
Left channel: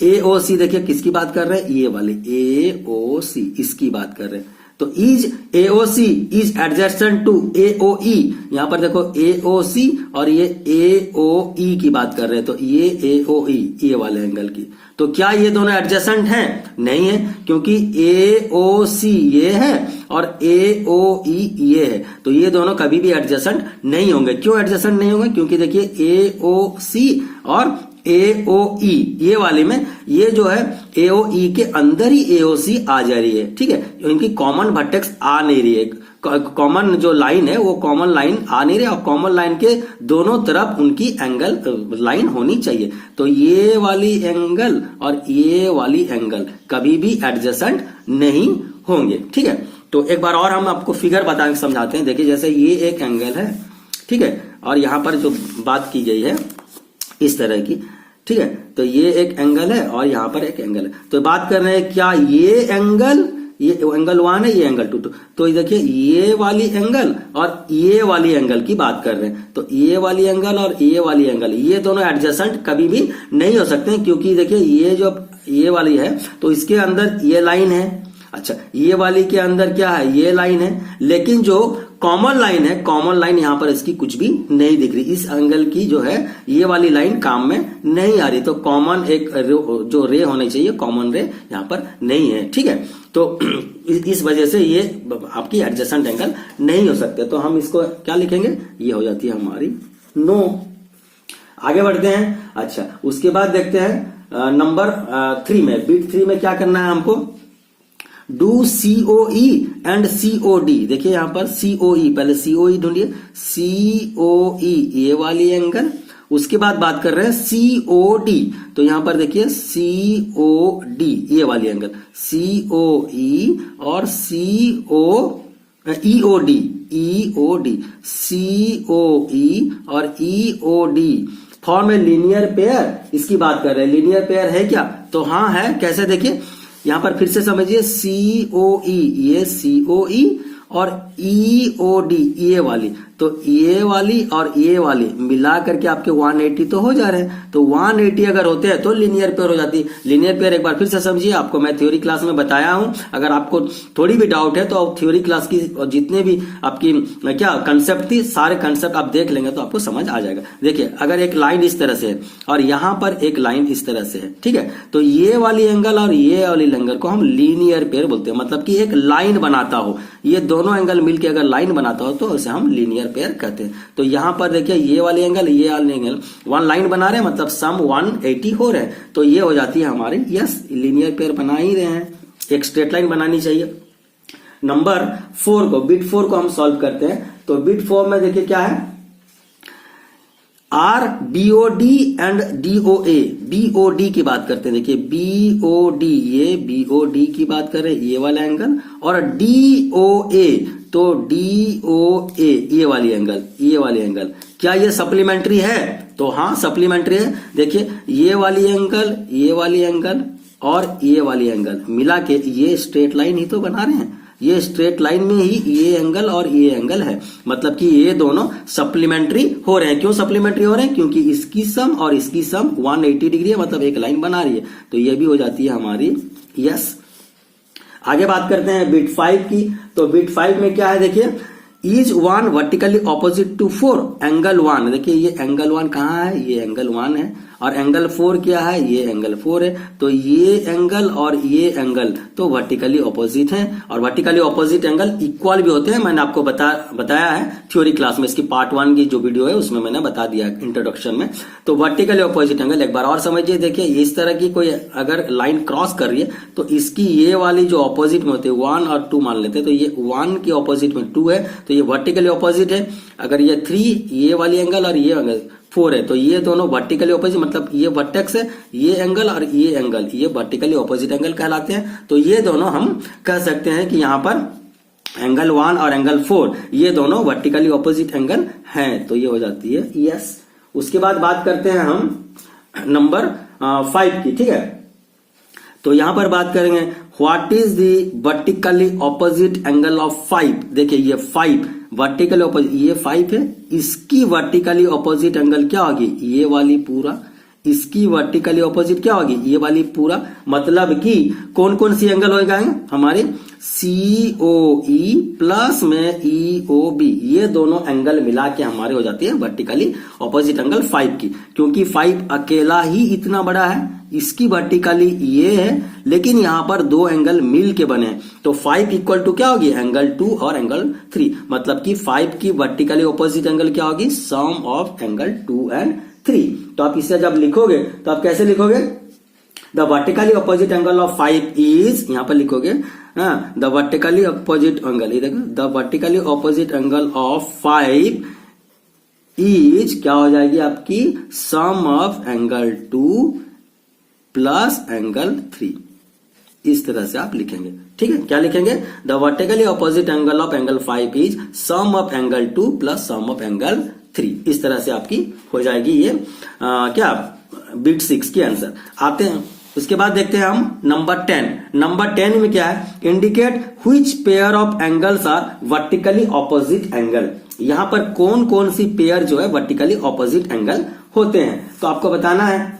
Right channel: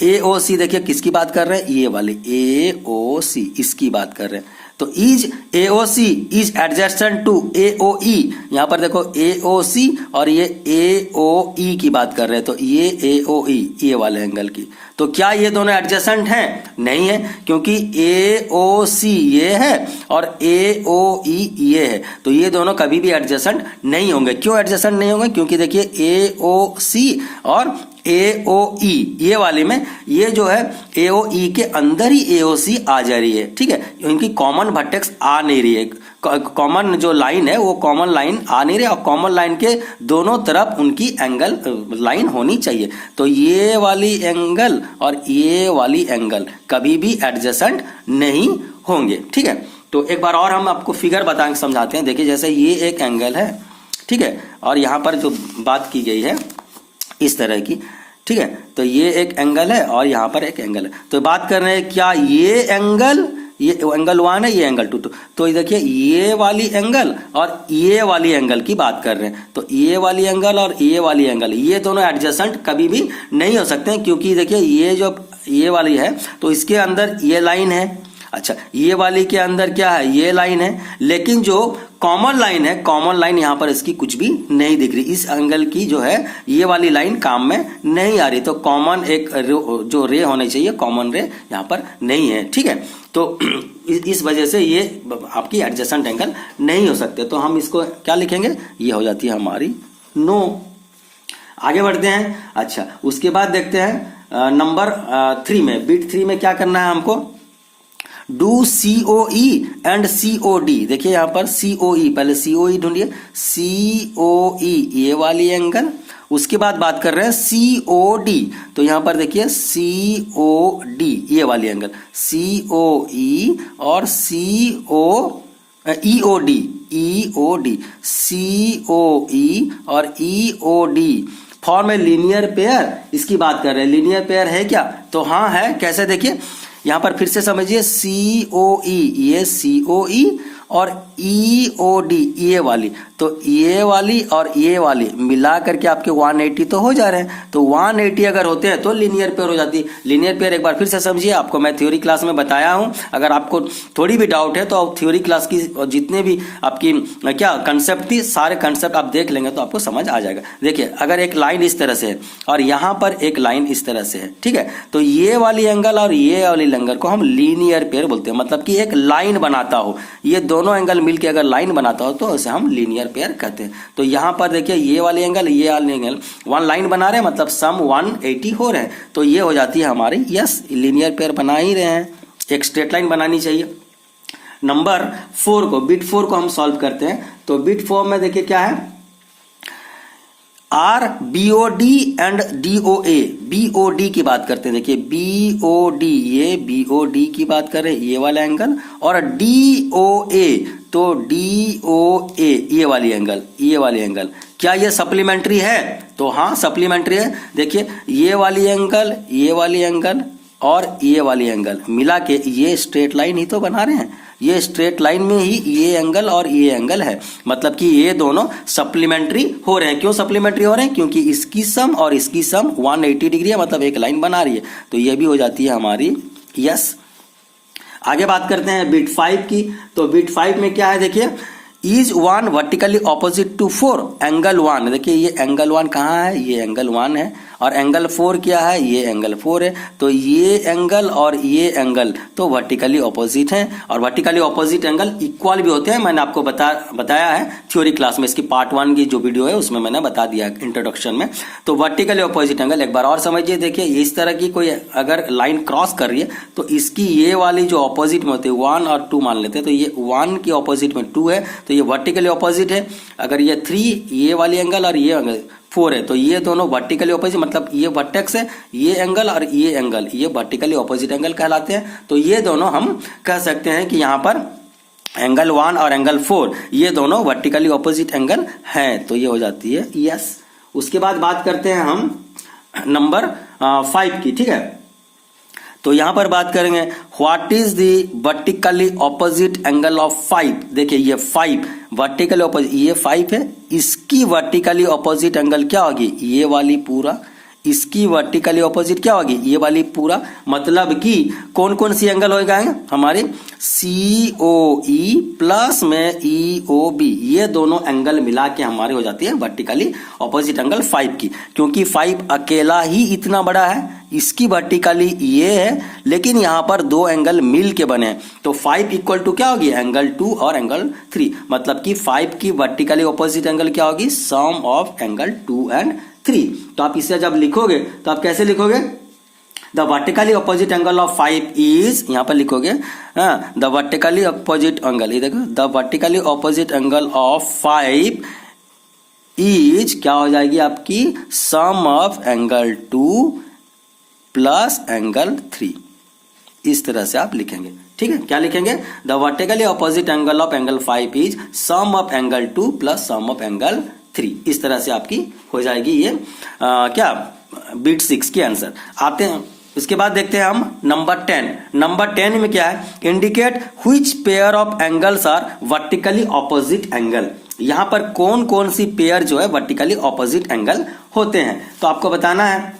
AOC, देखिए किसकी बात कर रहे हैं, ये वाले AOC, इसकी बात कर रहे हैं। तो is AOC is adjacent to AOE, यहां पर देखो AOC और ये AOE की बात कर रहे हैं, तो ये AOE ये वाले एंगल की। तो क्या ये दोनों एडजेसेंट हैं? नहीं है, क्योंकि AOC ये है और AOE ये है, तो ये दोनों कभी भी एडजेसेंट नहीं होंगे। क्यों एडजेसेंट नहीं होंगे? क्योंकि देखिए AOC और AOE ये वाले में ये जो है AOE के अंदर ही AOC आ जा रही है। ठीक है, इनकी कॉमन वर्टेक्स आ नहीं रही है, कॉमन जो लाइन है वो कॉमन लाइन आ नहीं रही, और कॉमन लाइन के दोनों तरफ उनकी एंगल लाइन होनी चाहिए। तो ये वाली एंगल और ये वाली एंगल कभी भी एडजेसेंट नहीं होंगे। ठीक है, तो एक बार और हम आपको फिगर बता के समझाते हैं। देखिए जैसे ये एक एंगल है, ठीक है, और यहां पर जो बात की गई है इस तरह की, ठीक है, तो ये एक एंगल है और यहां पर एक एंगल है। तो बात कर रहे हैं क्या ये एंगल 1 है, ये एंगल 2, तो देखिए ये वाली एंगल और ये वाली एंगल की बात कर रहे हैं। तो ये वाली एंगल और ये वाली एंगल ये दोनों एडजेसेंट कभी भी नहीं हो सकते हैं, क्योंकि देखिए ये जो ये वाली है तो इसके अंदर ये लाइन है, अच्छा ये वाली के अंदर क्या है, ये लाइन है, लेकिन जो कॉमन लाइन है, कॉमन लाइन यहां पर इसकी कुछ भी नहीं दिख रही। इस एंगल की जो है ये वाली लाइन काम में नहीं आ रही, तो कॉमन एक जो रे होने चाहिए कॉमन रे यहां पर नहीं है। ठीक है, तो इस वजह से ये आपकी एडजेसेंट एंगल नहीं हो सकते। तो हम इसको क्या लिखेंगे, ये हो जाती है हमारी नो। आगे बढ़ते हैं। अच्छा, उसके बाद देखते हैं नंबर 3 में, बिट 3 में क्या करना है हमको, डू COE एंड COD। देखिए यहां पर COE, पहले COE ढूंढिए, COE ये वाली एंगल, उसके बाद बात कर रहे हैं COD, तो यहां पर देखिए COD ये वाली एंगल, COE और EOD, COE और EOD फॉर्म में लीनियर पेयर, इसकी बात कर रहे हैं। लीनियर पेयर है क्या? तो हाँ है। कैसे? देखिए यहां पर फिर से समझिए, COE ये COE और EOD ये वाली, तो ये वाली और ये वाली मिला करके आपके 180 तो हो जा रहे हैं। तो 180 अगर होते हैं तो लीनियर पेयर हो जाती है। लीनियर पेयर एक बार फिर से समझिए, आपको मैं थ्योरी क्लास में बताया हूं, अगर आपको थोड़ी भी डाउट है तो आप थ्योरी क्लास की जितने भी आपकी क्या कंसेप्ट थी, सारे कंसेप्ट आप देख लेंगे तो आपको समझ आ जाएगा। देखिए अगर एक लाइन इस तरह से है और यहां पर एक लाइन इस तरह से है, ठीक है, तो ये वाली एंगल और ये वाली एंगल को हम लीनियर पेयर बोलते हैं, मतलब कि एक लाइन बनाता हो, ये दोनों एंगल मिलकर अगर लाइन बनाता हो तो उसे हम लीनियर पेयर कहते हैं। तो यहां पर देखिए ये वाली एंगल ये वाली एंगल वन लाइन बना रहे हैं, मतलब सम 180 हो रहे हैं, तो ये हो जाती है हमारी यस लीनियर पेयर बना ही रहे हैं। एक स्ट्रेट लाइन बनानी चाहिए। नंबर 4 को, बिट 4 को हम सॉल्व करते हैं। तो बिट 4 में देखिए क्या है, are BOD and DOA, BOD की बात करते हैं। देखिए BOD, ये BOD की बात कर रहे हैं, ये वाला एंगल, और DOA, तो DOA ये वाली एंगल, ये वाली एंगल, क्या ये सप्लीमेंट्री है? तो हाँ सप्लीमेंट्री है। देखिए ये वाली एंगल, ये वाली एंगल और ये वाली एंगल मिला के ये स्ट्रेट लाइन ही तो बना रहे हैं। ये स्ट्रेट लाइन में ही ये एंगल और ये एंगल है, मतलब कि ये दोनों सप्लीमेंट्री हो रहे हैं। क्यों सप्लीमेंट्री हो रहे हैं? क्योंकि इसकी सम और इसकी सम 180 डिग्री है, मतलब एक लाइन बना रही है, तो ये भी हो जाती है हमारी यस। आगे बात करते हैं बिट 5 की। तो बिट 5 में क्या है, देखिए is 1 vertically opposite to 4 angle 1। देखिए ये एंगल 1 कहाँ है, ये एंगल 1 है, और एंगल 4 क्या है, ये एंगल 4 है। तो ये एंगल और ये एंगल तो वर्टिकली ऑपोजिट है, और वर्टिकली ऑपोजिट एंगल इक्वल भी होते हैं। मैंने आपको बताया है थ्योरी क्लास में, इसकी पार्ट 1 की जो वीडियो है उसमें मैंने बता दिया इंट्रोडक्शन में। तो वर्टिकली ऑपोजिट एंगल एक बार और समझिए। देखिए इस तरह की कोई अगर लाइन क्रॉस कर रही है तो इसकी ये वाली जो ऑपोजिट में होते हैं 1 और 2 मान लेते हैं, तो ये 1 की ऑपोजिट में 2 है, तो ये वर्टिकली ऑपोजिट है। अगर ये 3 ये वाली एंगल और ये एंगल 4 है, तो ये दोनों वर्टिकली ऑपोजिट, मतलब ये वर्टेक्स है, ये एंगल और ये एंगल, ये वर्टिकली ऑपोजिट एंगल कहलाते हैं। तो ये दोनों हम कह सकते हैं कि यहाँ पर एंगल 1 और एंगल 4 ये दोनों वर्टिकली ऑपोजिट एंगल हैं, तो ये हो जाती है यस। उसके बाद बात करते हैं हम नंबर 5 की, ठीक है। तो यहां पर बात करेंगे what is the vertically opposite angle of 5। देखिए ये 5 वर्टिकली ऑपोजिट, ये 5 है, इसकी वर्टिकली ऑपोजिट एंगल क्या होगी, ये वाली पूरा, इसकी वर्टिकली ऑपोजिट क्या होगी, ये वाली पूरा। मतलब कि कौन कौन सी एंगल हो जाएंगे हमारे, COE प्लस में EOB, ये दोनों एंगल मिला के हमारे हो जाती है वर्टिकली ऑपोजिट एंगल 5 की। क्योंकि 5 अकेला ही इतना बड़ा है, इसकी वर्टिकली ये है, लेकिन यहां पर दो एंगल मिल के बने हैं, तो 5 इक्वल टू क्या होगी, एंगल 2 और एंगल 3। मतलब कि 5 की वर्टिकली ऑपोजिट एंगल क्या होगी, सम ऑफ एंगल 2 एंड 3। तो आप इसे जब लिखोगे तो आप कैसे लिखोगे, the vertically opposite angle of 5 is, यहां पर लिखोगे द वर्टिकली ऑपोजिट एंगल, ये देखो the vertically opposite angle of 5 is क्या हो जाएगी आपकी, सम ऑफ एंगल 2 प्लस एंगल 3। इस तरह से आप लिखेंगे, ठीक है। क्या लिखेंगे, the vertically opposite angle of angle 5 is sum of angle 2 plus sum of angle 3। इस तरह से आपकी हो जाएगी ये क्या बिट 6 की आंसर। आते हैं इसके बाद देखते हैं हम नंबर 10। नंबर 10 में क्या है, indicate which pair of angles are vertically opposite angle. यहां पर कौन कौन सी पेयर जो है वर्टिकली ऑपोजिट एंगल होते हैं, तो आपको बताना है।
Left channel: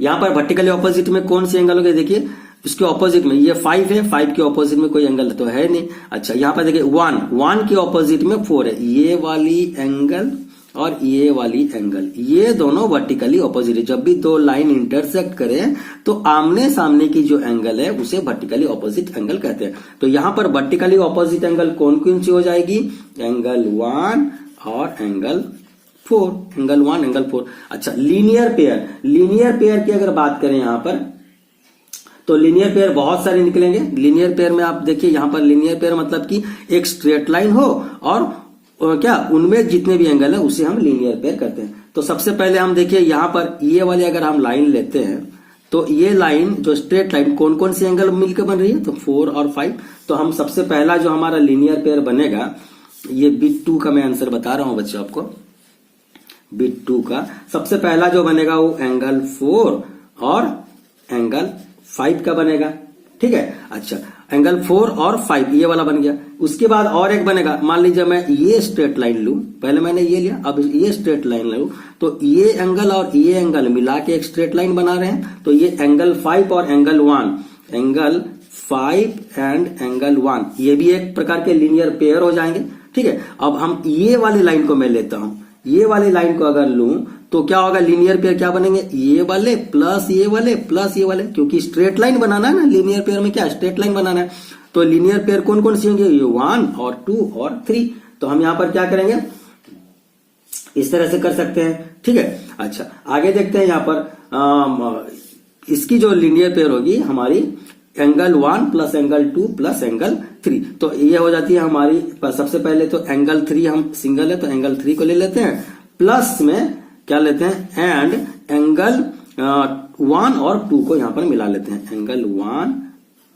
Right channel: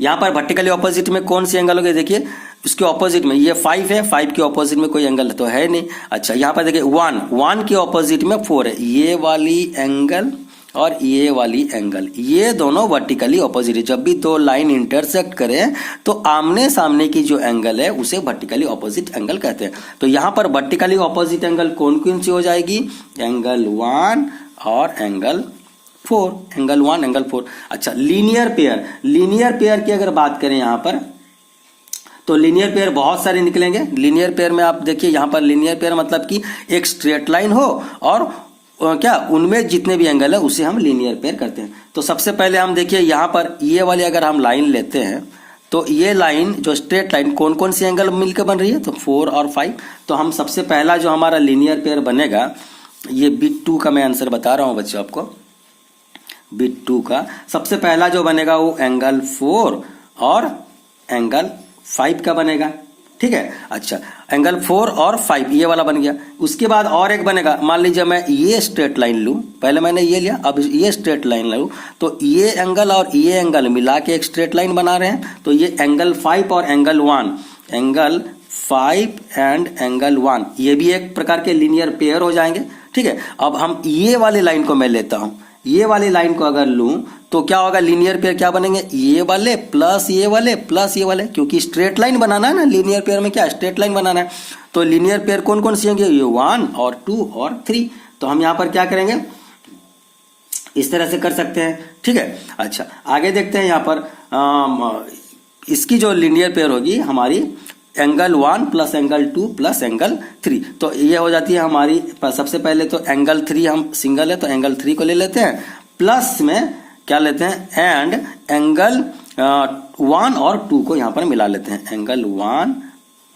यहां पर वर्टिकली ऑपोजिट में कौन सी एंगल होगी, देखिए उसके ऑपोजिट में ये 5 है, 5 के ऑपोजिट में कोई एंगल तो है नहीं। अच्छा यहां पर देखिए 1 के ऑपोजिट में 4 है, ये वाली एंगल और ये वाली एंगल, ये दोनों वर्टिकली ऑपोजिट है। जब भी दो लाइन इंटरसेक्ट करें तो आमने सामने की जो एंगल है उसे वर्टिकली ऑपोजिट एंगल कहते हैं। तो यहां पर वर्टिकली ऑपोजिट एंगल कौन कौन सी हो जाएगी, एंगल 1 और एंगल 4, एंगल 1 एंगल 4। अच्छा लीनियर पेयर की अगर बात करें यहां पर, तो लीनियर पेयर बहुत सारे निकलेंगे। लीनियर पेयर में आप देखिए यहां पर लीनियर पेयर मतलब कि एक स्ट्रेट लाइन हो और क्या उनमें जितने भी एंगल है उसे हम लीनियर पेयर करते हैं। तो सबसे पहले हम देखिए यहां पर ये वाली अगर हम लाइन लेते हैं तो ये लाइन जो स्ट्रेट लाइन कौन कौन सी एंगल मिलकर बन रही है, तो 4 और 5। तो हम सबसे पहला जो हमारा लीनियर पेयर बनेगा, ये बिट 2 का मैं आंसर बता रहा हूं बच्चों आपको। बिट 2 का सबसे पहला जो बनेगा वो एंगल 4 और एंगल 5 का बनेगा। ठीक है। अच्छा, एंगल 4 और 5 ये वाला बन गया। उसके बाद और एक बनेगा, मान लीजिए मैं ये स्ट्रेट लाइन लूं, पहले मैंने ये लिया, अब ये स्ट्रेट लाइन लूं, तो ये एंगल और ये एंगल मिला के एक स्ट्रेट लाइन बना रहे हैं, तो ये एंगल 5 और एंगल 1, एंगल 5 एंड एंगल 1 ये भी एक प्रकार के लीनियर पेयर हो जाएंगे। ठीक है, अब हम ये वाली लाइन को मैं लेता हूं, ये वाली लाइन को अगर लूं तो क्या होगा, लीनियर पेयर क्या बनेंगे, ये वाले प्लस ये वाले प्लस ये वाले, क्योंकि स्ट्रेट लाइन बनाना है ना, लीनियर पेयर में क्या स्ट्रेट लाइन बनाना है, तो लीनियर पेयर कौन कौन सी होंगे, ये 1 और 2 और 3। तो हम यहां पर क्या करेंगे, इस तरह से कर सकते हैं। ठीक है, अच्छा आगे देखते हैं यहां पर इसकी जो लीनियर पेयर होगी हमारी angle 1 plus angle 2 plus angle 3, तो ये हो जाती है हमारी, सबसे पहले तो एंगल 3 हम सिंगल है तो एंगल 3 को ले लेते हैं, प्लस में क्या लेते हैं एंड एंगल 1 और 2 को यहां पर मिला लेते हैं, एंगल 1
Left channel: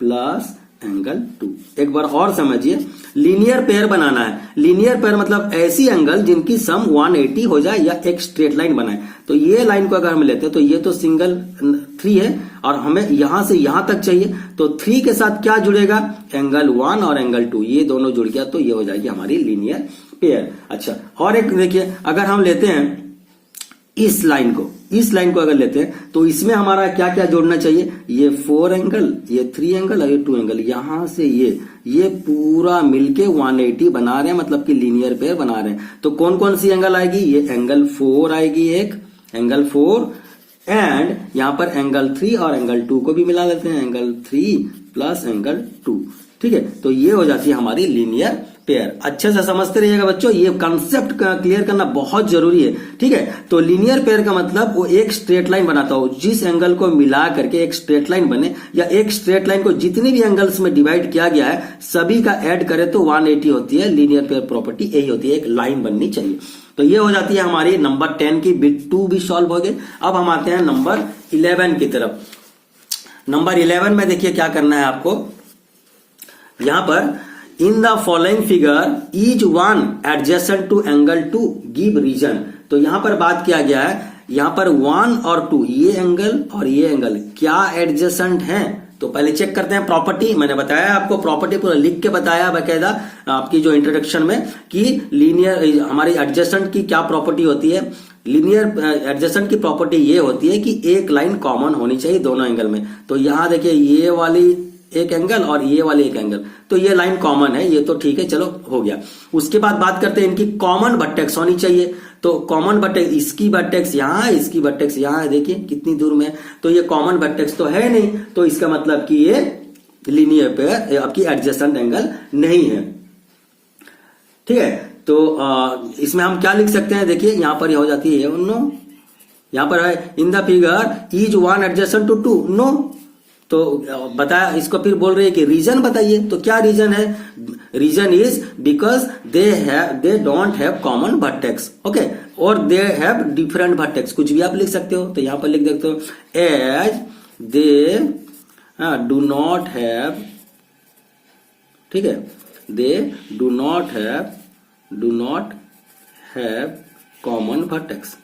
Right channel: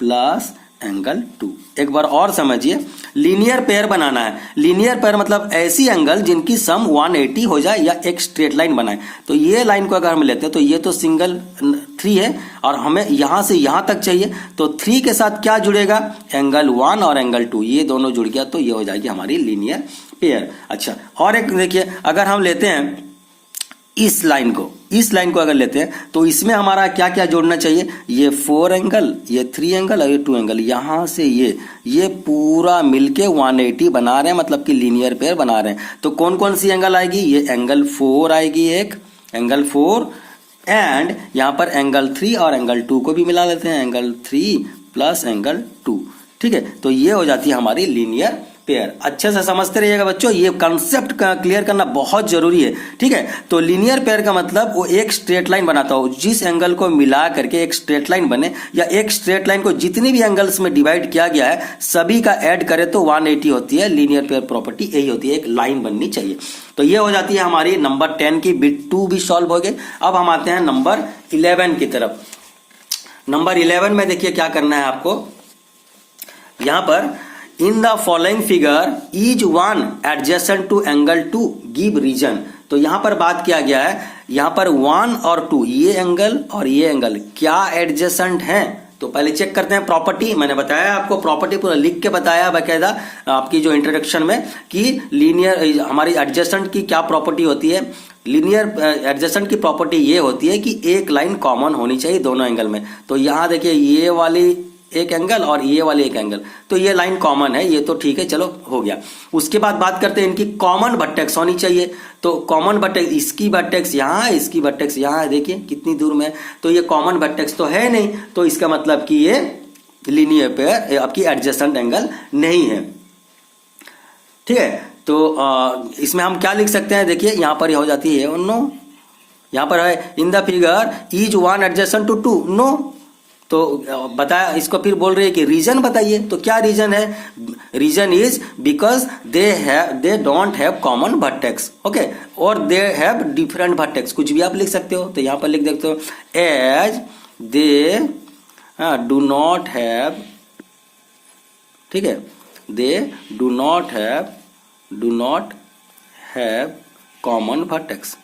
प्लस एंगल 2। एक बार और समझिए, लीनियर पेयर बनाना है, लीनियर पेयर मतलब ऐसी एंगल जिनकी सम 180 हो जाए या एक स्ट्रेट लाइन बनाए। तो ये लाइन को अगर हम लेते हैं तो ये तो सिंगल 3 है और हमें यहां से यहां तक चाहिए, तो 3 के साथ क्या जुड़ेगा, एंगल 1 और एंगल 2, ये दोनों जुड़ गया तो ये हो जाएगी हमारी लीनियर पेयर। अच्छा, और एक देखिए, अगर हम लेते हैं इस लाइन को अगर लेते हैं तो इसमें हमारा क्या क्या जोड़ना चाहिए, ये 4 एंगल, ये 3 एंगल और ये 2 एंगल, यहां से ये पूरा मिलके 180 बना रहे हैं, मतलब कि लीनियर पेयर बना रहे हैं। तो कौन कौन सी एंगल आएगी, ये एंगल 4 आएगी, एक एंगल 4 एंड यहां पर एंगल 3 और एंगल 2 को भी मिला लेते हैं, एंगल 3 प्लस एंगल 2। ठीक है, तो ये हो जाती है हमारी लीनियर पेयर। अच्छे से समझते रहिएगा बच्चों, ये कॉन्सेप्ट क्लियर करना बहुत जरूरी है। ठीक है, तो लीनियर पेयर का मतलब वो एक स्ट्रेट लाइन बनाता हो, जिस एंगल को मिला करके एक स्ट्रेट लाइन बने, या एक स्ट्रेट लाइन को जितनी भी एंगल्स में डिवाइड किया गया है सभी का ऐड करें तो 180 होती है। लीनियर पेयर प्रॉपर्टी यही होती है, एक लाइन बननी चाहिए। तो ये हो जाती है हमारी नंबर 10 की, बिट 2 भी सॉल्व हो गए। अब हम आते हैं नंबर 11 की तरफ। नंबर 11 में देखिए क्या करना है आपको, यहां पर in the following figure is 1 adjacent to angle 2 give reason. तो यहां पर बात किया गया है, यहां पर 1 और 2 ये एंगल और ये एंगल क्या एडजेसेंट हैं। तो पहले चेक करते हैं प्रॉपर्टी। मैंने बताया आपको, प्रॉपर्टी पूरा लिख के बताया बकायदा आपकी जो इंट्रोडक्शन में, कि लीनियर हमारी एडजेसेंट की क्या प्रॉपर्टी होती है। लीनियर एडजेसेंट की प्रॉपर्टी ये होती है कि एक लाइन कॉमन होनी चाहिए दोनों एंगल में। तो यहां देखिए ये वाली एक एंगल और ये वाली एक एंगल, तो ये लाइन कॉमन है, ये तो ठीक है, चलो हो गया। उसके बाद बात करते हैं इनकी कॉमन वर्टेक्स होनी चाहिए। तो कॉमन वर्टेक्स, इसकी वर्टेक्स यहाँ है, इसकी वर्टेक्स यहाँ है, देखिए कितनी दूर में है, तो ये कॉमन वर्टेक्स तो है नहीं, तो इसका मतलब कि ये लीनियर पेयर आपकी एडजेसेंट एंगल नहीं है। ठीक है, तो इसमें हम क्या लिख सकते हैं, देखिए यहां पर हो जाती है नो, यहां पर है in the figure is 1 adjacent to 2 no. तो बताया, इसको फिर बोल रहे हैं कि रीजन बताइए। तो क्या रीजन है, reason is because they don't have common vertex, okay, और दे हैव डिफरेंट वर्टेक्स, कुछ भी आप लिख सकते हो। तो यहां पर लिख सकते हो as they do not have, ठीक है, they do not have common vertex,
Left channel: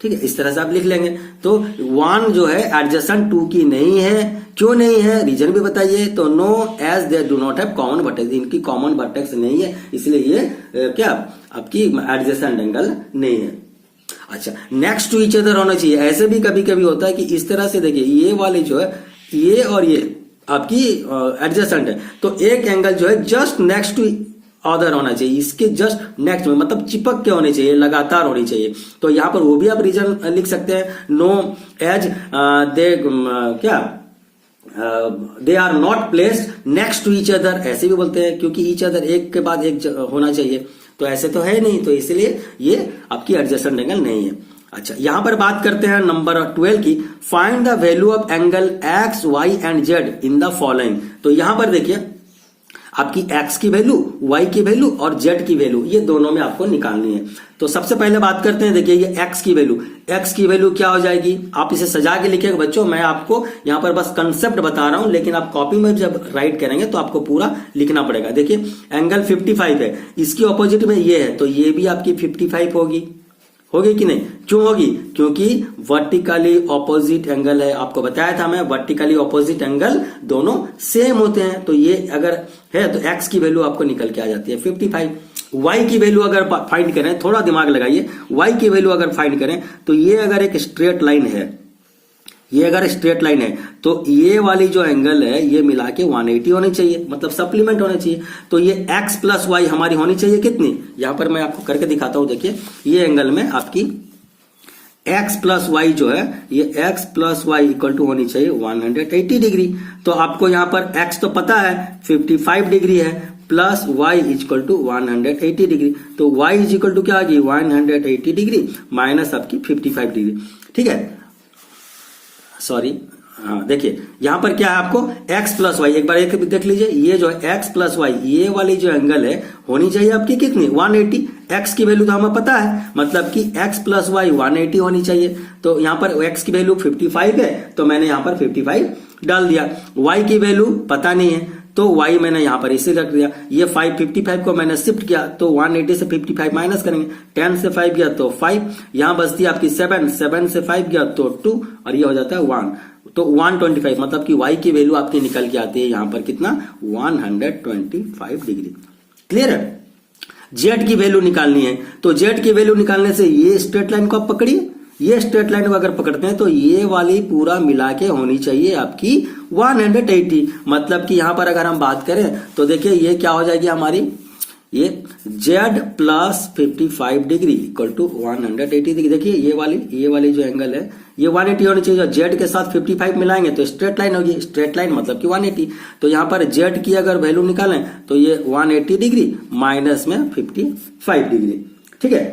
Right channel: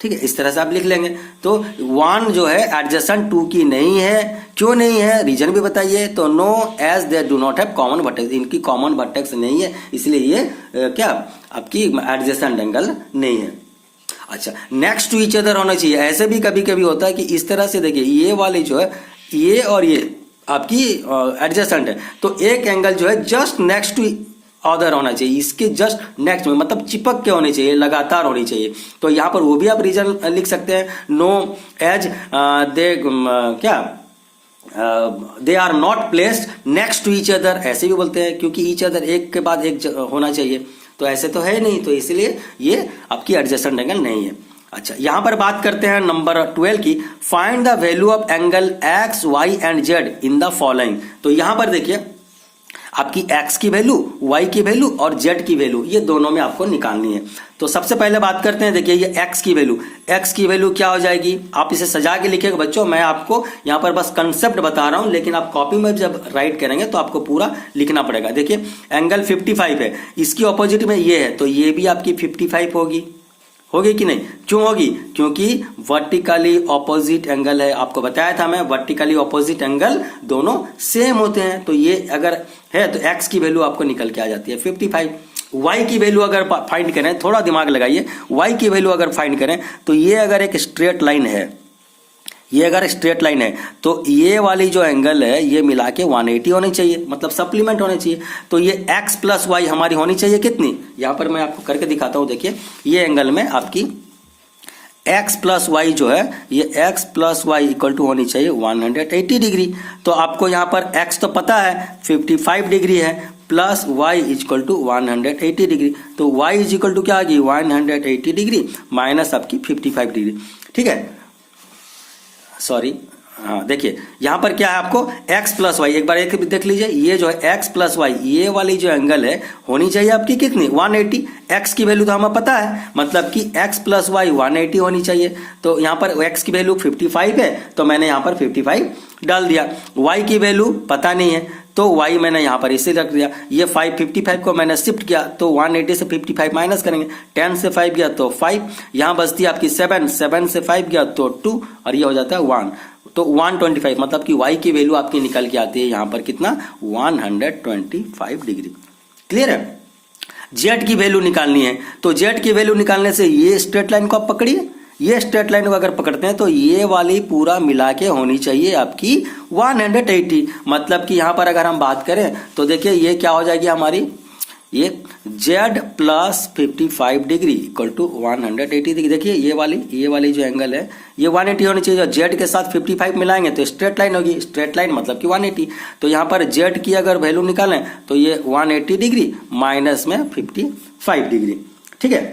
ठीक है, इस तरह से आप लिख लेंगे। तो 1 जो है एडजेसेंट 2 की नहीं है, क्यों नहीं है, रीजन भी बताइए। तो no as they do not have common vertex, इनकी कॉमन वर्टेक्स नहीं है, इसलिए ये क्या आपकी एडजेसेंट एंगल नहीं है। अच्छा, नेक्स्ट टू ईच अदर होना चाहिए। ऐसे भी कभी कभी होता है कि इस तरह से देखिए, ये वाली जो है ये और ये आपकी एडजेसेंट है, तो एक एंगल जो है जस्ट नेक्स्ट टू अदर होना चाहिए, इसके जस्ट नेक्स्ट में, मतलब चिपक के होनी चाहिए, लगातार होनी चाहिए। तो यहां पर वो भी आप रीजन लिख सकते हैं, नो एज दे क्या they are not placed next to each other, ऐसे भी बोलते हैं, क्योंकि ईच अदर एक के बाद एक होना चाहिए, तो ऐसे तो है नहीं, तो इसलिए ये आपकी एडजेसेंट एंगल नहीं है। अच्छा, यहां पर बात करते हैं नंबर 12 की, find the value of angle x y and z in the following. तो यहां पर देखिए आपकी x की वैल्यू, y की वैल्यू और z की वैल्यू, ये दोनों में आपको निकालनी है। तो सबसे पहले बात करते हैं, देखिए ये x की वैल्यू क्या हो जाएगी, आप इसे सजा के लिखिएगा बच्चों, मैं आपको यहाँ पर बस कंसेप्ट बता रहा हूं, लेकिन आप कॉपी में जब राइट करेंगे तो आपको पूरा लिखना पड़ेगा। देखिए एंगल 55 है, इसकी ऑपोजिट में ये है, तो ये भी आपकी 55 होगी, होगी कि नहीं? क्यों होगी? क्योंकि वर्टिकली ऑपोजिट एंगल है। आपको बताया था मैं, वर्टिकली ऑपोजिट एंगल दोनों सेम होते हैं। तो ये अगर है तो x की वैल्यू आपको निकल के आ जाती है 55। y की वैल्यू अगर फाइंड करें, थोड़ा दिमाग लगाइए, y की वैल्यू अगर फाइंड करें तो ये अगर एक स्ट्रेट लाइन है, ये अगर स्ट्रेट लाइन है तो ये वाली जो एंगल है ये मिला के 180 होनी चाहिए, मतलब सप्लीमेंट होनी चाहिए। तो ये x प्लस वाई हमारी होनी चाहिए कितनी? यहां पर मैं आपको करके दिखाता हूं। देखिए ये एंगल में आपकी x प्लस वाई जो है, ये x plus y equal to होनी चाहिए 180 डिग्री। तो आपको यहां पर x तो पता है 55 डिग्री है, plus y equal to 180 degree. तो y इज इक्वल टू क्या आ गई? 180 डिग्री माइनस आपकी 55 डिग्री। ठीक है, सॉरी, हाँ देखिए यहां पर क्या है आपको x प्लस वाई, एक बार एक देख लीजिए, ये जो है x प्लस वाई, ये वाली जो एंगल है होनी चाहिए आपकी कितनी? 180। x की वैल्यू तो हमें पता है, मतलब कि x प्लस वाई 180 होनी चाहिए। तो यहां पर x की वैल्यू 55 है तो मैंने यहां पर 55 डाल दिया। y की वैल्यू पता नहीं है तो y मैंने यहां पर इसे रख दिया। ये 55 को मैंने शिफ्ट किया तो 180 से 55 माइनस करेंगे, 10 से 5 गया तो 5, यहां बचती है आपकी 7 से 5 गया तो 2 और ये हो जाता है 1, तो 125, मतलब कि y की वैल्यू आपकी निकल के आती है यहां पर कितना? 125 डिग्री। क्लियर है? z की वैल्यू निकालनी है तो z की वैल्यू निकालने से ये स्ट्रेट लाइन को आप पकड़िए, ये स्ट्रेट लाइन को अगर पकड़ते हैं तो ये वाली पूरा मिला के होनी चाहिए आपकी 180। मतलब कि यहां पर अगर हम बात करें तो देखिए ये क्या हो जाएगी हमारी, ये z plus 55 degree equal to 180 degree. देखिए ये वाली जो एंगल है ये 180 होनी चाहिए। z के साथ 55 मिलाएंगे तो स्ट्रेट लाइन होगी, स्ट्रेट लाइन मतलब कि 180। तो यहां पर z की अगर वैल्यू निकालें तो ये 180 डिग्री माइनस में 55 डिग्री। ठीक है,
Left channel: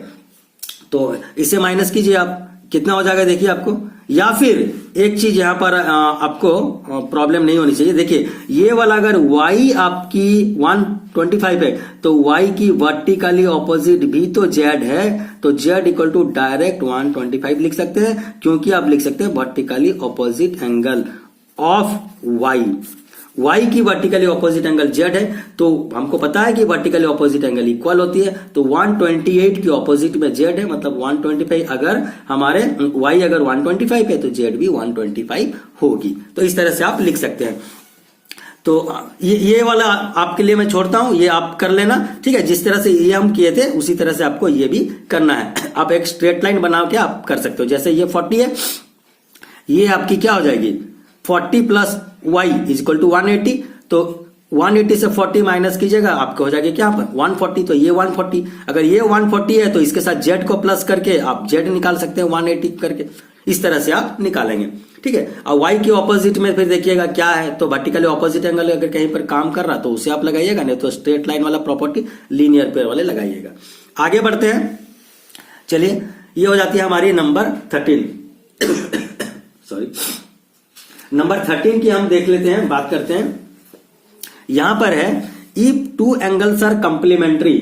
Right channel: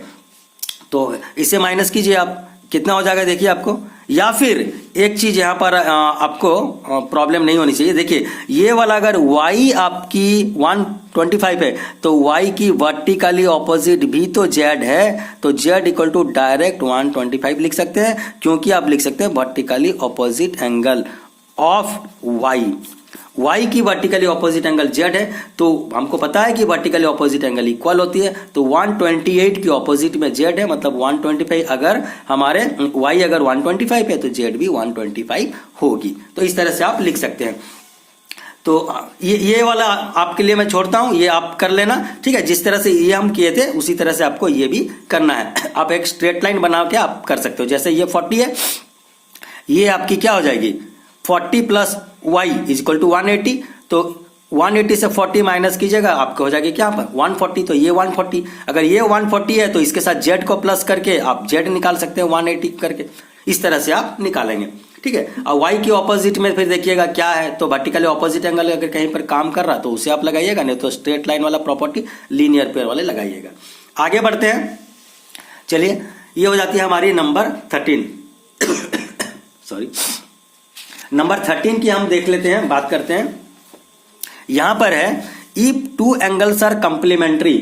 तो इसे माइनस कीजिए आप, कितना हो जाएगा देखिए आपको। या फिर एक चीज यहां पर आपको प्रॉब्लम नहीं होनी चाहिए। देखिए ये वाला अगर y आपकी 125 है तो y की वर्टिकली ऑपोजिट भी तो z है, तो z इक्वल टू डायरेक्ट 125 लिख सकते हैं, क्योंकि आप लिख सकते हैं vertically opposite angle of y की वर्टिकली ऑपोजिट एंगल z है, तो हमको पता है कि वर्टिकली ऑपोजिट एंगल इक्वल होती है। तो 128 की ऑपोजिट में z है, मतलब 125 अगर हमारे y अगर 125 है तो z भी 125 होगी। तो इस तरह से आप लिख सकते हैं। तो ये वाला आपके लिए मैं छोड़ता हूं, ये आप कर लेना। ठीक है, जिस तरह से ये हम किए थे उसी तरह से आपको ये भी करना है। आप एक स्ट्रेट लाइन बना के आप कर सकते हो। जैसे ये 40 है, ये आपकी क्या हो जाएगी 40 plus y is equal to 180। तो 180 से 40 माइनस कीजिएगा, आपको हो जाएगा क्या पर 140। तो ये 140, अगर ये 140 है तो इसके साथ z को प्लस करके आप z निकाल सकते हैं 180 करके। इस तरह से आप निकालेंगे। ठीक है, अब y के ऑपोजिट में फिर देखिएगा क्या है, तो वर्टिकली ऑपोजिट एंगल अगर कहीं पर काम कर रहा तो उसे आप लगाइएगा, नहीं तो स्ट्रेट लाइन वाला प्रॉपर्टी लीनियर पेयर वाले लगाइएगा। आगे बढ़ते हैं, चलिए ये हो जाती है हमारी नंबर 13 सॉरी नंबर 13 की हम देख लेते हैं, बात करते हैं। यहां पर है if two angles are complementary,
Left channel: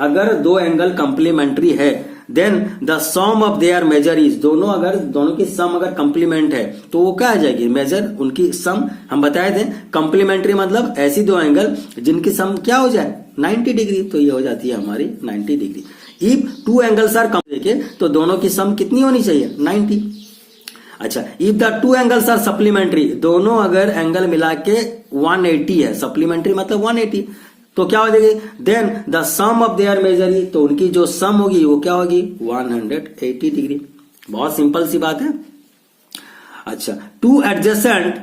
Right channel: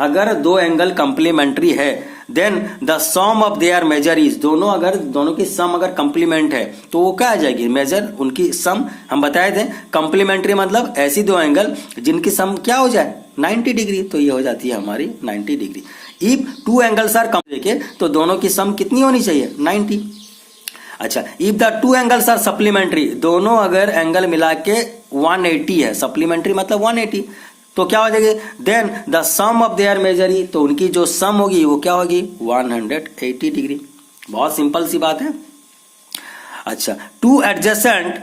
अगर दो एंगल कंप्लीमेंट्री है then the sum of their measure is, दोनों की सम अगर कंप्लीमेंट है तो वो क्या आ जाएगी मेजर, उनकी सम। हम बताए थे कंप्लीमेंट्री मतलब ऐसी दो एंगल जिनकी सम क्या हो जाए 90 डिग्री, तो ये हो जाती है हमारी 90 degree. If two angles are देखिए तो दोनों की सम कितनी होनी चाहिए 90। अच्छा, if the two angles are supplementary, दोनों अगर एंगल मिला के 180 है, सप्लीमेंट्री मतलब 180, तो क्या हो जाएगी then the sum of their measure, तो उनकी जो सम होगी वो क्या होगी 180 डिग्री। बहुत सिंपल सी बात है। अच्छा, two adjacent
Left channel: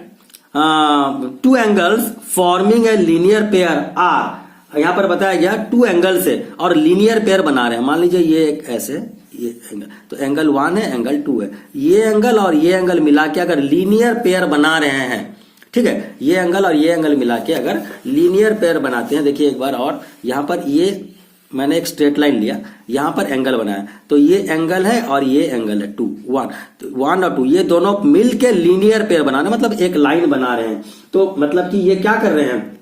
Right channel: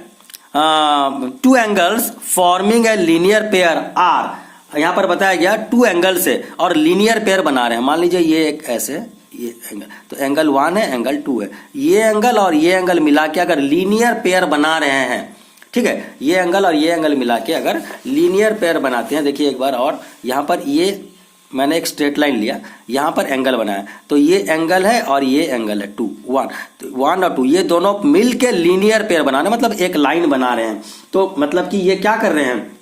two angles forming a linear pair are, यहां पर बताया गया टू एंगल्स है और लीनियर पेयर बना रहे हैं। मान लीजिए ये एक ऐसे ये एंगल, तो एंगल 1 है एंगल 2 है, ये एंगल और ये एंगल मिला के अगर लीनियर पेयर बना रहे हैं, ठीक है, ये एंगल और ये एंगल मिला के अगर लीनियर पेयर बनाते हैं, देखिए एक बार और, यहां पर ये मैंने एक स्ट्रेट लाइन लिया, यहां पर एंगल बनाया, तो ये एंगल है और ये एंगल है 2 1, तो 1 और 2 ये दोनों मिल के लीनियर पेयर बना रहे हैं, मतलब एक लाइन बना रहे हैं। तो मतलब कि ये क्या कर रहे हैं,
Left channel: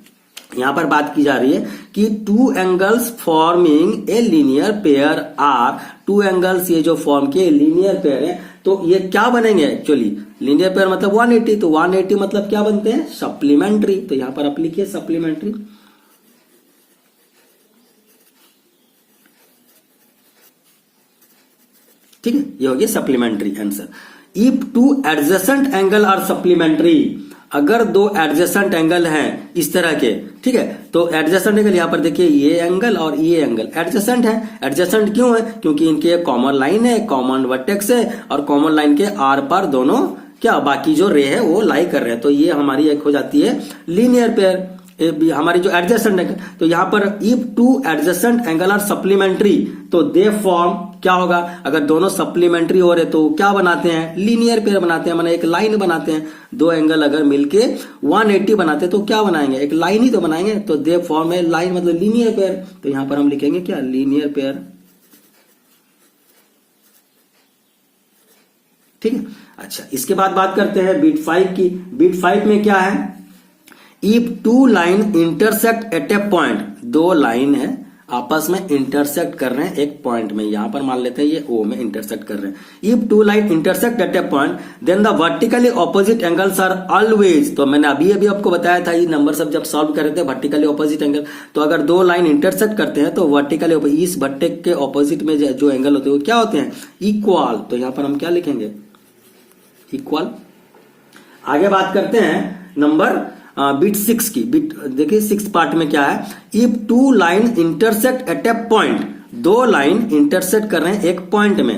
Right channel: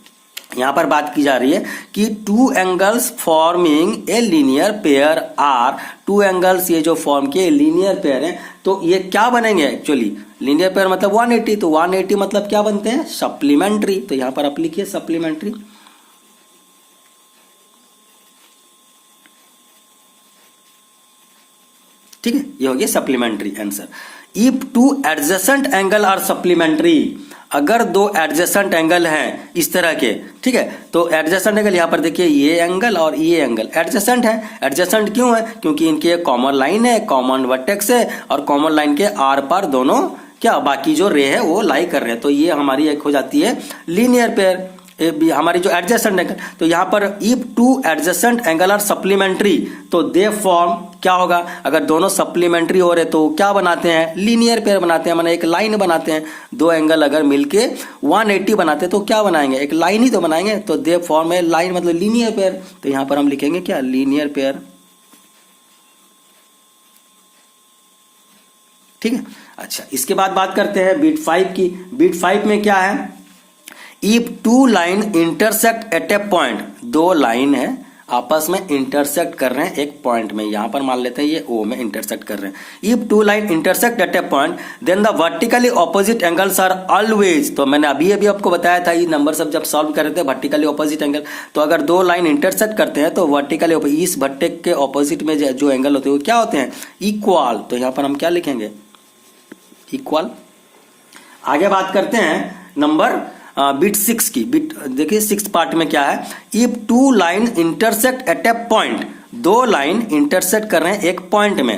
यहां पर बात की जा रही है कि two angles forming a linear pair are, two angles ये जो फॉर्म किए लीनियर पेयर है, तो ये क्या बनेंगे एक्चुअली लीनियर पेयर मतलब 180, तो 180 मतलब क्या बनते हैं सप्लीमेंट्री। तो यहां पर आप लिखिए सप्लीमेंट्री। ये हो गया supplementary answer. If two adjacent angle are supplementary, अगर दो एडजेसेंट एंगल हैं इस तरह के, ठीक है, तो एडजेसेंट एंगल यहां पर देखिए ये एंगल और ये एंगल एडजेसेंट है। एडजेसेंट क्यों है? क्योंकि इनके कॉमन लाइन है, कॉमन वर्टेक्स है और कॉमन लाइन के आर पार दोनों क्या बाकी जो रे है वो लाई कर रहे हैं, तो ये हमारी एक हो जाती है लीनियर पेयर हमारी जो एडजेसेंट एंगल। तो यहां पर if two adjacent angle are supplementary, तो दे फॉर्म क्या होगा, अगर दोनों सप्लीमेंट्री हो रहे तो क्या बनाते हैं, लीनियर पेयर बनाते हैं, माने एक लाइन बनाते हैं। दो एंगल अगर मिलके 180 बनाते तो क्या बनाएंगे, एक लाइन ही तो बनाएंगे, तो दे फॉर्म ए लाइन मतलब लीनियर पेयर। तो यहां पर हम लिखेंगे क्या, लीनियर पेयर, ठीक है। अच्छा, इसके बाद बात करते हैं बिट 5 की। बिट 5 में क्या है, if two line intersect at a point, दो लाइन है आपस में इंटरसेक्ट कर रहे हैं एक पॉइंट में, यहां पर मान लेते हैं ये ओ में इंटरसेक्ट कर रहे हैं। If two line intersect at a point then the vertically opposite angles are always, तो मैंने अभी आपको बताया था ये नंबर सब जब सॉल्व कर रहे थे वर्टिकली ऑपोजिट एंगल, तो अगर दो लाइन इंटरसेक्ट करते हैं तो वर्टिकली इस भट्टे के ऑपोजिट में जो एंगल होते हैं वो क्या होते हैं, इक्वल। तो यहां पर हम क्या लिखेंगे, इक्वल। आगे बात करते हैं नंबर बिट 6 की। बिट देखिए 6 पार्ट में क्या है, if two line intersect at a point, दो लाइन इंटरसेक्ट कर रहे हैं एक पॉइंट में,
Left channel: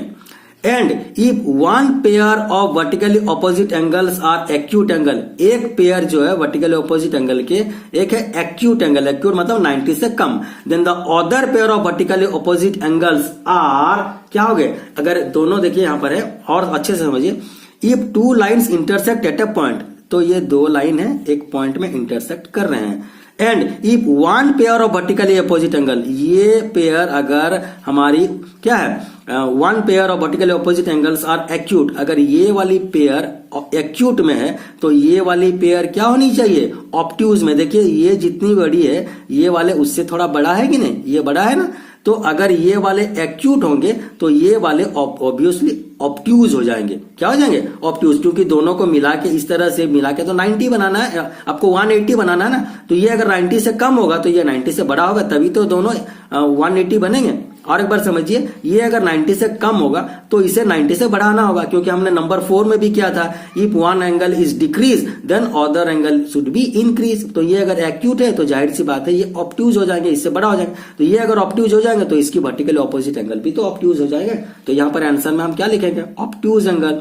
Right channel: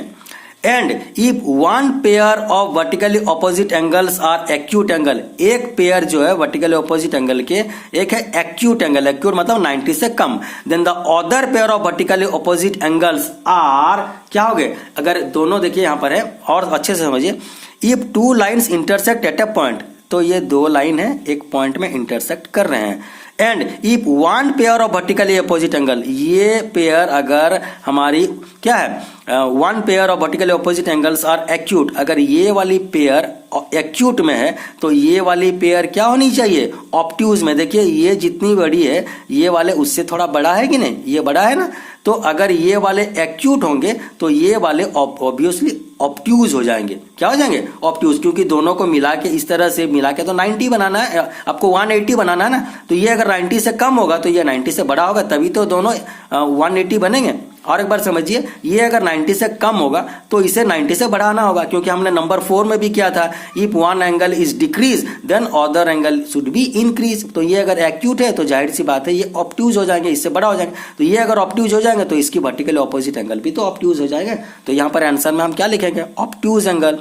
and if one pair of vertically opposite angles are acute angle, एक पेयर जो है वर्टिकली ऑपोजिट एंगल के एक है एक्यूट एंगल, एक्यूट मतलब 90 से कम, then the other pair of vertically opposite angles are क्या हो गए, अगर दोनों देखिए यहां पर है और अच्छे से समझिए, if two lines intersect at a point, तो ये दो लाइन है एक पॉइंट में इंटरसेक्ट कर रहे हैं, and if one pair of vertically opposite angle, ये पेयर अगर हमारी क्या है, one pair of vertically opposite angles are acute, अगर ये वाली पेयर एक्यूट में है तो ये वाली पेयर क्या होनी चाहिए, ऑब्ट्यूज में। देखिए ये जितनी बड़ी है ये वाले उससे थोड़ा बड़ा है कि नहीं, ये बड़ा है ना, तो अगर ये वाले एक्यूट होंगे तो ये वाले ऑब्वियसली ऑब्ट्यूज हो जाएंगे। क्या हो जाएंगे, ऑब्ट्यूज, क्योंकि दोनों को मिला के इस तरह से मिला के तो 90 बनाना है आपको, 180 बनाना है ना, तो ये अगर 90 से कम होगा तो ये 90 से बड़ा होगा, तभी तो दोनों 180 बनेंगे। और एक बार समझिए, ये अगर 90 से कम होगा तो इसे 90 से बढ़ाना होगा, क्योंकि हमने नंबर 4 में भी किया था, if one angle is decrease then other angle should be increase. तो ये अगर एक्यूट है तो जाहिर सी बात है ये ऑब्ट्यूज हो जाएंगे, इससे बड़ा हो जाएगा, तो ये अगर ऑब्ट्यूज हो जाएंगे तो इसकी वर्टिकली ऑपोजिट एंगल भी तो ऑब्ट्यूज हो जाएगा। तो यहां पर आंसर में हम क्या लिखेंगे, obtuse angle,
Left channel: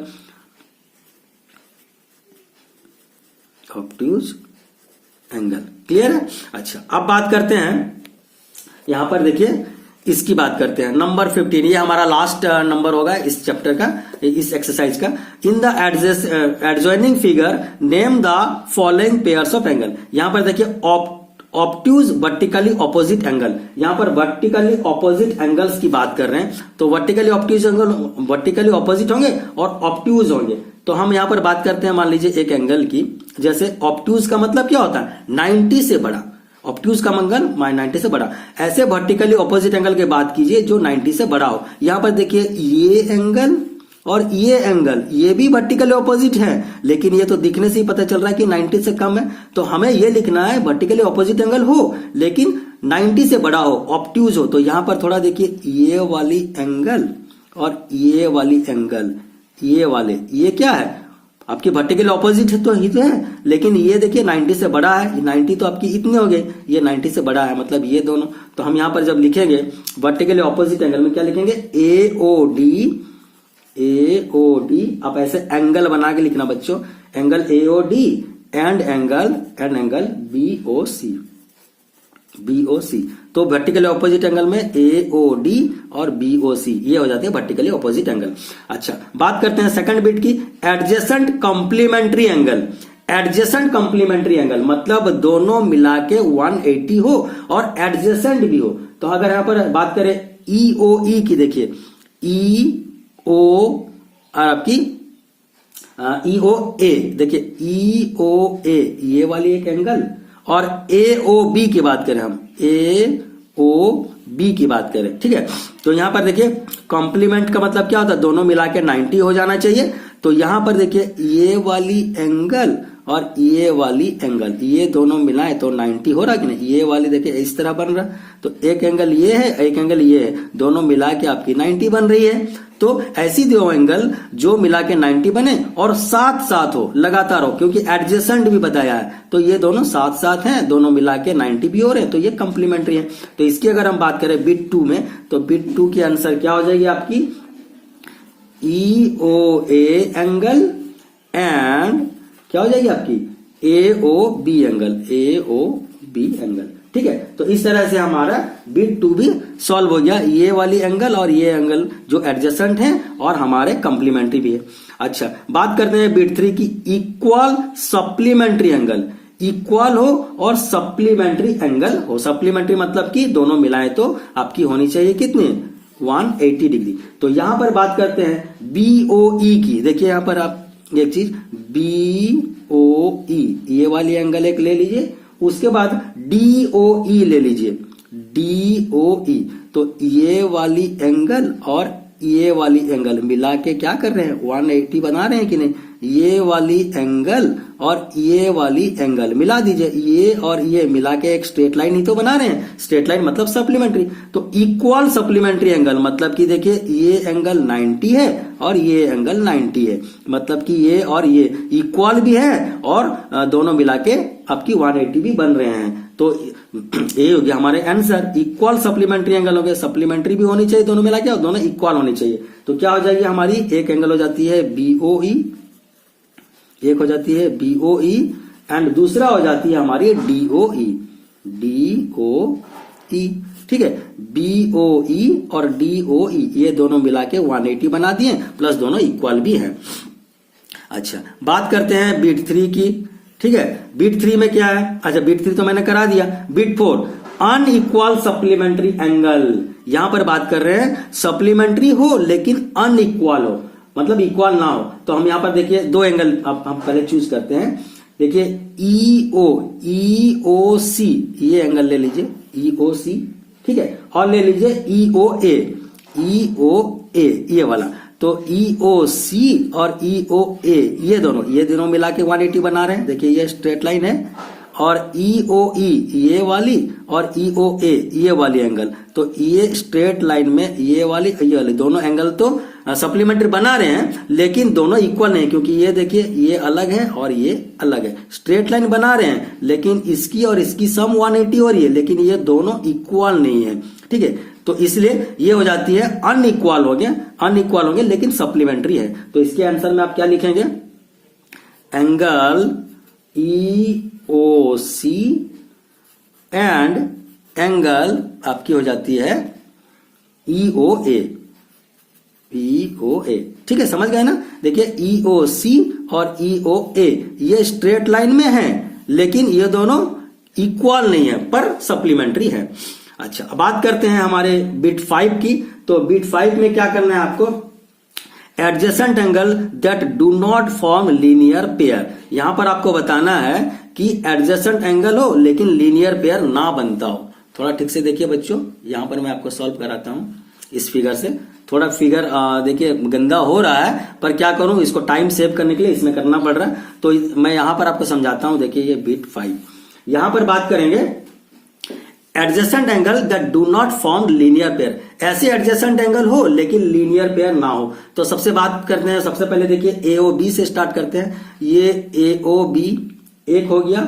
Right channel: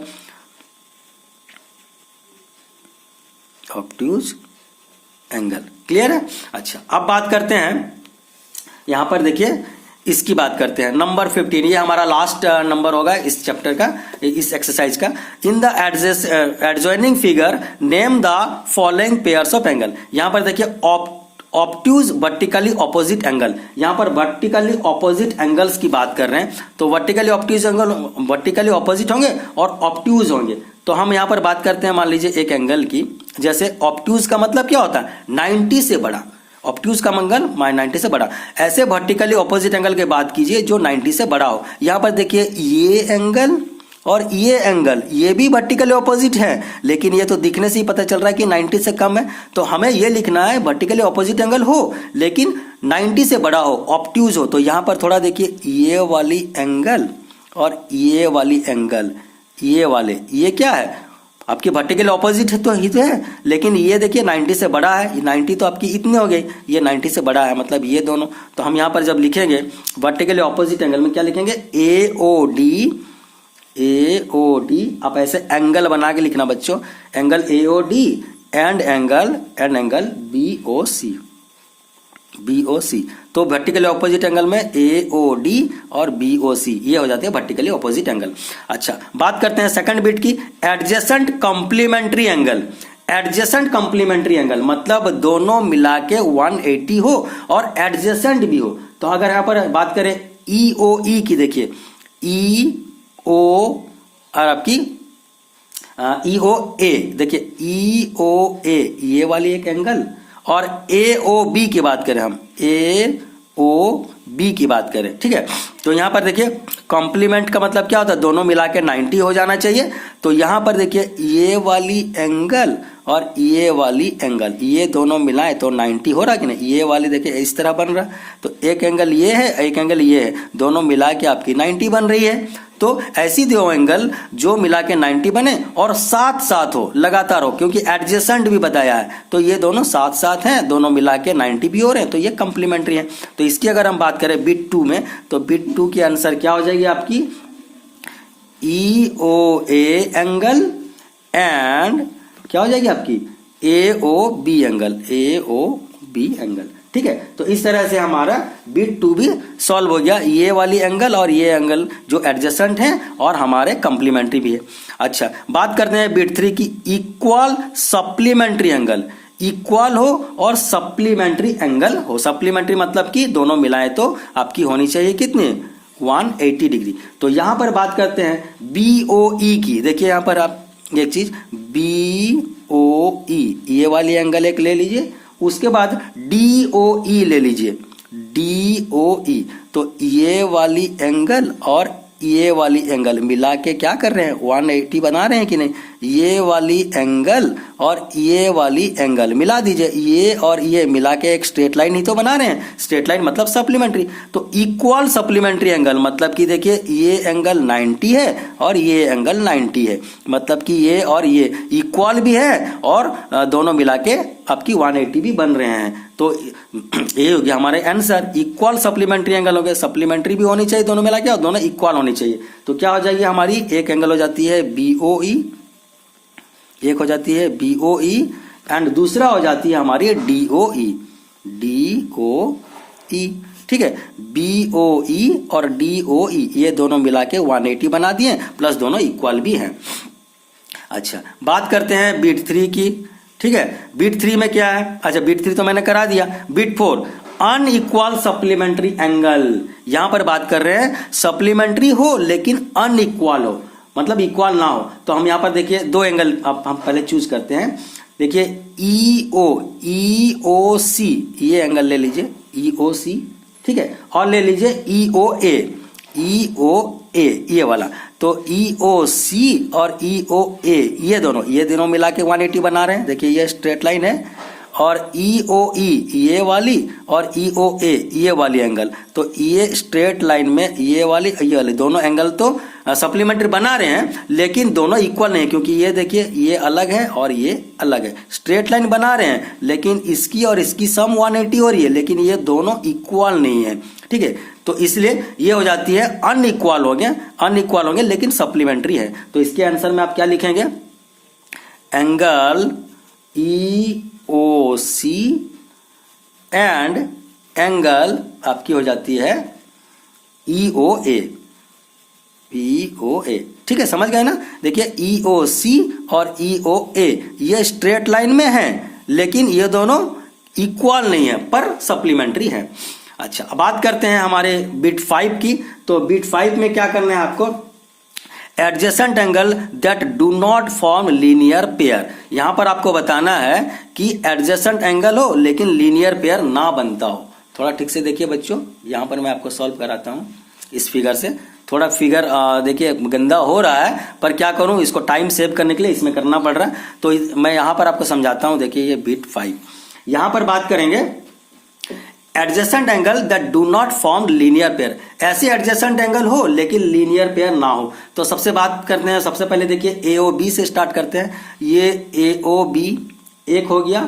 obtuse angle. Clear है। अच्छा, अब बात करते हैं, यहां पर देखिए इसकी बात करते हैं नंबर 15, ये हमारा लास्ट नंबर होगा इस चैप्टर का, इस एक्सरसाइज का। In the adjoining figure name the following pairs of angle. यहां पर देखिए ऑब्ट्यूज वर्टिकली ऑपोजिट एंगल, यहां पर वर्टिकली ऑपोजिट एंगल्स की बात कर रहे हैं, तो vertically obtuse angle vertically opposite होंगे और ऑब्ट्यूज होंगे। तो हम यहां पर बात करते हैं मान लीजिए एक एंगल की, जैसे ऑब्ट्यूज का मतलब क्या होता है, 90 से बड़ा, ऑब्ट्यूज का मंगल 90 से बड़ा। ऐसे वर्टिकली ऑपोजिट एंगल की बात कीजिए जो 90 से बड़ा हो। यहां पर देखिए ये एंगल और ये एंगल, ये भी वर्टिकली ऑपोजिट है, लेकिन ये तो दिखने से ही पता चल रहा है कि 90 से कम है, तो हमें ये लिखना है वर्टिकली ऑपोजिट एंगल हो लेकिन 90 से बड़ा हो, ऑब्ट्यूज हो। तो यहां पर थोड़ा देखिए ये वाली एंगल और ये वाली एंगल, ये वाले, ये क्या है आपकी वर्टिकल ऑपोजिट है तो इतने है, लेकिन ये देखिए 90 से बड़ा है, 90 तो आपकी इतने हो गई, ये 90 से बड़ा है, मतलब ये दोनों। तो हम यहां पर जब लिखेंगे वर्टिकल ऑपोजिट एंगल में क्या लिखेंगे, AOD, आप ऐसे एंगल बना के लिखना बच्चों, angle AOD and angle BOC। तो वर्टिकली ऑपोजिट एंगल में AOD और BOC ये हो जाते हैं वर्टिकली ऑपोजिट एंगल। अच्छा, बात करते हैं सेकंड बिट की, adjacent complementary angle. Adjacent complementary angle मतलब दोनों मिला के 180 हो और एडजेसेंट भी हो। तो अगर यहां पर बात करें EOE की, देखिए EO और आपकी EOA, देखिए EOA ये वाली एक एंगल, और AOB की बात करें हम, AOB बी की बात करें, ठीक है, तो यहां पर देखिए कॉम्प्लीमेंट का मतलब क्या होता है, दोनों मिला के 90 हो जाना चाहिए। तो यहां पर देखिए ये वाली एंगल और ये वाली एंगल, ये दोनों मिलाए तो 90 हो रहा कि नहीं। ये वाली देखिए इस तरह बन रहा, तो एक एंगल ये है, एक एंगल ये है, दोनों मिला के आपकी 90 बन रही है। तो ऐसी दो एंगल जो मिला के 90 बने और साथ साथ हो, लगातार हो, क्योंकि एडजेसेंट भी बताया है, तो ये दोनों साथ साथ हैं, दोनों मिला के 90 भी हो रहे हैं, तो ये कंप्लीमेंट्री है। तो इसकी अगर हम बात करें बिट 2 में, तो बिट 2 की आंसर क्या हो जाएगी आपकी, EOA एंगल एंड क्या हो जाएगी आपकी AOB एंगल, AOB एंगल, ठीक है। तो इस तरह से हमारा बिट 2 भी सॉल्व हो गया, ये वाली एंगल और ये एंगल जो एडजेसेंट है और हमारे कंप्लीमेंट्री भी है। अच्छा, बात करते हैं बिट 3 की, इक्वल सप्लीमेंट्री एंगल, इक्वल हो और सप्लीमेंट्री एंगल हो। सप्लीमेंट्री मतलब कि दोनों मिलाएं तो आपकी होनी चाहिए कितनी, 180 डिग्री। तो यहां पर बात करते हैं BOE की, देखिए यहां पर आप एक चीज BOE, ये वाली एंगल एक ले लीजिए, उसके बाद DOE ले लीजिए, DOE, तो ये वाली एंगल और ये वाली एंगल मिला के क्या कर रहे हैं, 180 बना रहे हैं कि नहीं। ये वाली एंगल और ये वाली एंगल मिला दीजिए, ये और ये मिला के एक स्ट्रेट लाइन ही तो बना रहे हैं, स्ट्रेट लाइन मतलब सप्लीमेंट्री। तो इक्वल सप्लीमेंट्री एंगल मतलब कि देखिए ये एंगल 90 है और ये एंगल 90 है, मतलब कि ये और ये इक्वल भी है और दोनों मिला के आपकी 180 भी बन रहे हैं। तो ये हो गया हमारे आंसर, इक्वल सप्लीमेंट्री एंगल हो गए, सप्लीमेंट्री भी होनी चाहिए दोनों मिला के और दोनों इक्वल होनी चाहिए। तो क्या हो जाएगी हमारी, एक एंगल हो जाती है BOE, एक हो जाती है BOE एंड दूसरा हो जाती है हमारी DOE, DOE, ठीक है। BOE और DOE ये दोनों मिला के 180 बना दिए, प्लस दोनों इक्वल भी है। अच्छा, बात करते हैं बिट 3 की, ठीक है। बिट 3 में क्या है, अच्छा बिट 3 तो मैंने करा दिया। बिट 4 अनइक्वल सप्लीमेंट्री एंगल, यहां पर बात कर रहे हैं सप्लीमेंट्री हो लेकिन अनइक्वल हो, मतलब इक्वल ना हो। तो हम यहां पर देखिए दो एंगल हम पहले चूज करते हैं, देखिए EOC ये एंगल ले लीजिए, EOC, ठीक है, और ले लीजिए EOA ये वाला। तो EOC और EOA ये दोनों मिला के 180 बना रहे हैं, देखिए ये स्ट्रेट लाइन है, और EOE ये वाली और EOA ये वाली एंगल, तो ये स्ट्रेट लाइन में ये वाली दोनों एंगल तो सप्लीमेंट्री बना रहे हैं, लेकिन दोनों इक्वल नहीं, क्योंकि ये देखिए ये अलग है और ये अलग है। स्ट्रेट लाइन बना रहे हैं लेकिन इसकी और इसकी सम 180 हो रही है, लेकिन ये दोनों इक्वल नहीं है, ठीक है। तो इसलिए ये हो जाती है अनइक्वल होंगे लेकिन सप्लीमेंट्री है। तो इसके आंसर में आप क्या लिखेंगे, एंगल EOC एंड एंगल आपकी हो जाती है EOA, ठीक है, समझ गए ना। देखिए EOC और EOA ये स्ट्रेट लाइन में है, लेकिन ये दोनों इक्वल नहीं है पर सप्लीमेंट्री है। अच्छा, अब बात करते हैं हमारे बिट 5 की। तो बिट 5 में क्या करना है आपको, adjacent angle that do not form linear pair, यहां पर आपको बताना है कि एडजेसेंट एंगल हो लेकिन लीनियर पेयर ना बनता हो। थोड़ा ठीक से देखिए बच्चों, यहां पर मैं आपको सॉल्व कराता हूं इस फिगर से। थोड़ा फिगर देखिए गंदा हो रहा है, पर क्या करूं, इसको टाइम सेव करने के लिए इसमें करना पड़ रहा है, तो मैं यहां पर आपको समझाता हूं। देखिए ये बिट 5, यहां पर बात करेंगे adjacent angle that do not form linear pair, ऐसे एडजेसेंट एंगल हो लेकिन लीनियर पेयर ना हो। तो सबसे बात करते हैं, सबसे पहले देखिए AOB से स्टार्ट करते हैं। ये AOB एक हो गया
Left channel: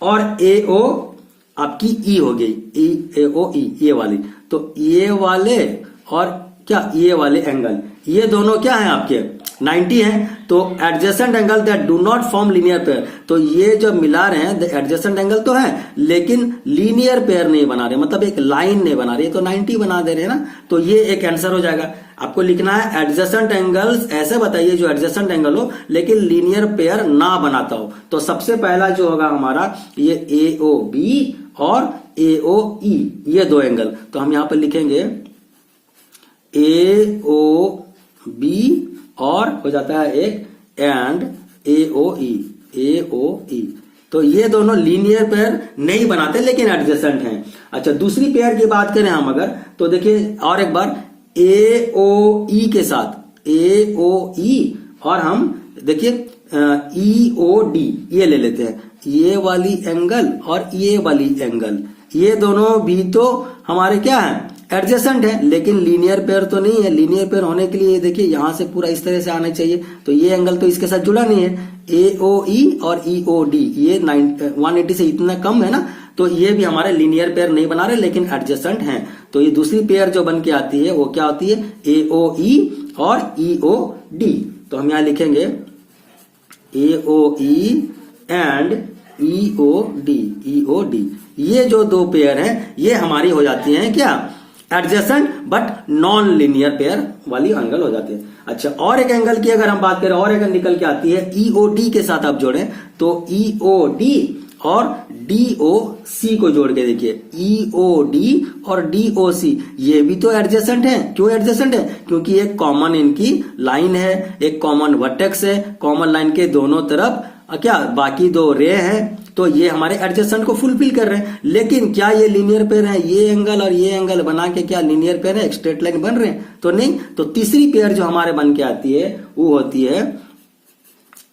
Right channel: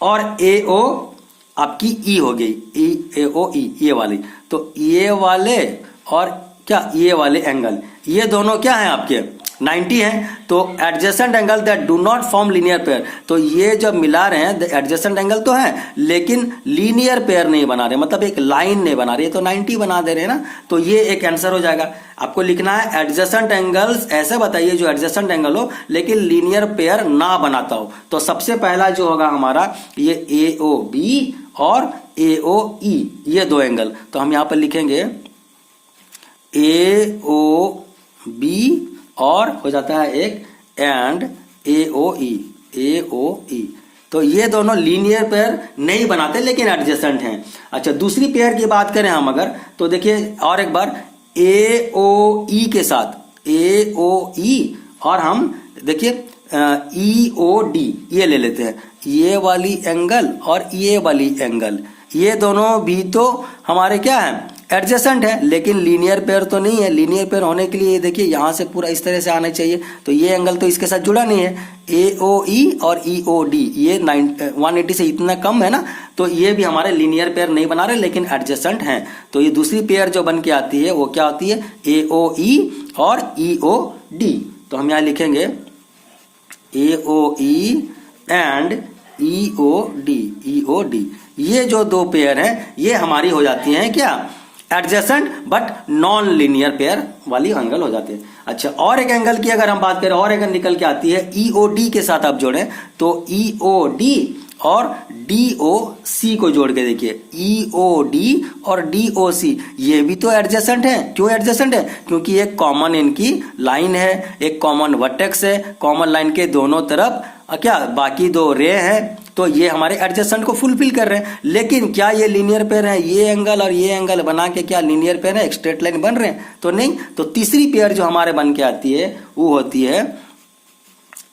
और AO आपकी E हो गई, AOE ये वाली। तो ये वाले और क्या ये वाले एंगल, ये दोनों क्या है आपके 90 है। तो adjacent angle that do not form linear pair, तो ये जब मिला रहे हैं एडजेसेंट एंगल तो है लेकिन लीनियर पेयर नहीं बना रहे, मतलब एक लाइन नहीं बना रहे, तो 90 बना दे रहे हैं ना। तो ये एक आंसर हो जाएगा। आपको लिखना है एडजेसेंट एंगल्स ऐसे बताइए जो एडजेसेंट एंगल हो लेकिन लीनियर पेयर ना बनाता हो। तो सबसे पहला जो होगा हमारा ये AOB और AOE ये दो एंगल, तो हम यहां पर लिखेंगे AOB और हो जाता है एक एंड AOE तो ये दोनों लीनियर पेयर नहीं बनाते लेकिन एडजेसेंट हैं। अच्छा, दूसरी पेयर की बात करें हम अगर, तो देखिए और एक बार AOE के साथ, AOE और हम देखिए EOD ये ले लेते हैं, ये वाली एंगल और ये वाली एंगल, ये दोनों भी तो हमारे क्या है, एडजेसेंट है, लेकिन लीनियर पेयर तो नहीं है। लीनियर पेयर होने के लिए देखिए यहां से पूरा इस तरह से आना चाहिए, तो ये एंगल तो इसके साथ जुड़ा नहीं है। AOE और EOD ये 180 से इतना कम है ना, तो ये भी हमारे लीनियर पेयर नहीं बना रहे लेकिन एडजेसेंट हैं। तो ये दूसरी पेयर जो बन के आती है वो क्या होती है, AOE और EOD। तो हम यहां लिखेंगे AOE एंड EOD। ये जो दो पेयर हैं ये हमारी हो जाती हैं क्या, adjacent but non linear pair वाली एंगल हो जाती है। अच्छा, और एक एंगल की अगर हम बात करें, और एंगल निकल के आती है EOD के साथ आप जोड़ें तो EOD और DOC को जोड़ के देखिए, EOD और DOC ये भी तो एडजेसेंट है। क्यों एडजेसेंट है, क्योंकि एक कॉमन इनकी लाइन है, एक कॉमन वर्टेक्स है, कॉमन लाइन के दोनों तरफ क्या बाकी दो रे हैं, तो ये हमारे एडजेसेंट को फुलफिल कर रहे हैं। लेकिन क्या ये लीनियर पेयर है, ये एंगल और ये एंगल बना के क्या लीनियर पेयर है, स्ट्रेट लाइन बन रहे हैं, तो नहीं। तो तीसरी पेयर जो हमारे बन के आती है वो होती है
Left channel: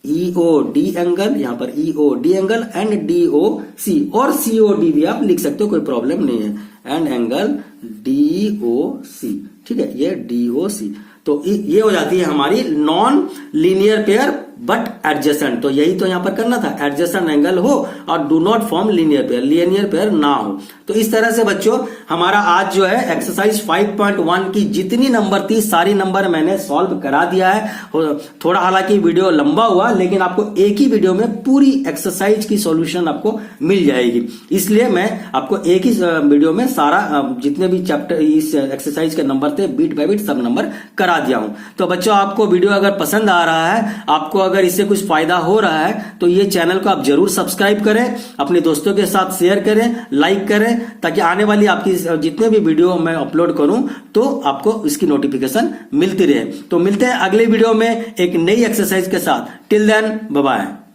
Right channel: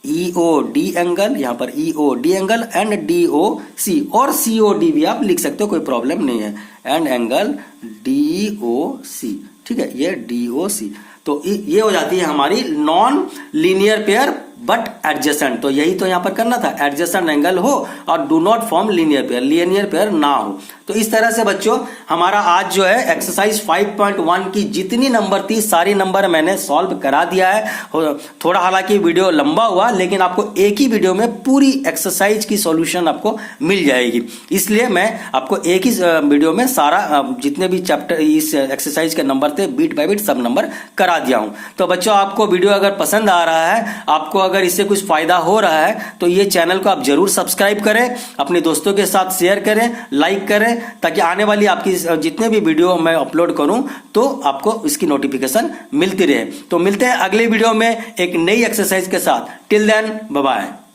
EOD एंगल, यहां पर EOD एंगल एंड DOC, और COD भी आप लिख सकते हो, कोई प्रॉब्लम नहीं है, एंड एंगल DOC, ठीक है, ये DOC। तो ये हो जाती है हमारी non linear pair but adjacent. तो यही तो यहां पर करना था, एडजेसेंट एंगल हो और do not form linear pair, linear pair ना हो। तो इस तरह से बच्चों हमारा आज जो है एक्सरसाइज 5.1 की जितनी नंबर थी सारी नंबर मैंने सॉल्व करा दिया है। थोड़ा हालांकि वीडियो लंबा हुआ लेकिन आपको एक ही वीडियो में पूरी एक्सरसाइज की सॉल्यूशन आपको मिल जाएगी, इसलिए मैं आपको एक ही वीडियो में सारा जितने भी चैप्टर इस एक्सरसाइज के नंबर थे बीट बाय बीट सब नंबर करा दिया हूं। तो बच्चों आपको वीडियो अगर पसंद आ रहा है, आपको अगर इससे कुछ फायदा हो रहा है, तो ये चैनल को आप जरूर सब्सक्राइब करें, अपने दोस्तों के साथ शेयर करें, लाइक करें, ताकि आने वाली आपकी जितने भी वीडियो मैं अपलोड करूं तो आपको इसकी नोटिफिकेशन मिलती रहे। तो मिलते हैं अगले वीडियो में एक नई एक्सरसाइज के साथ। Till then bye bye.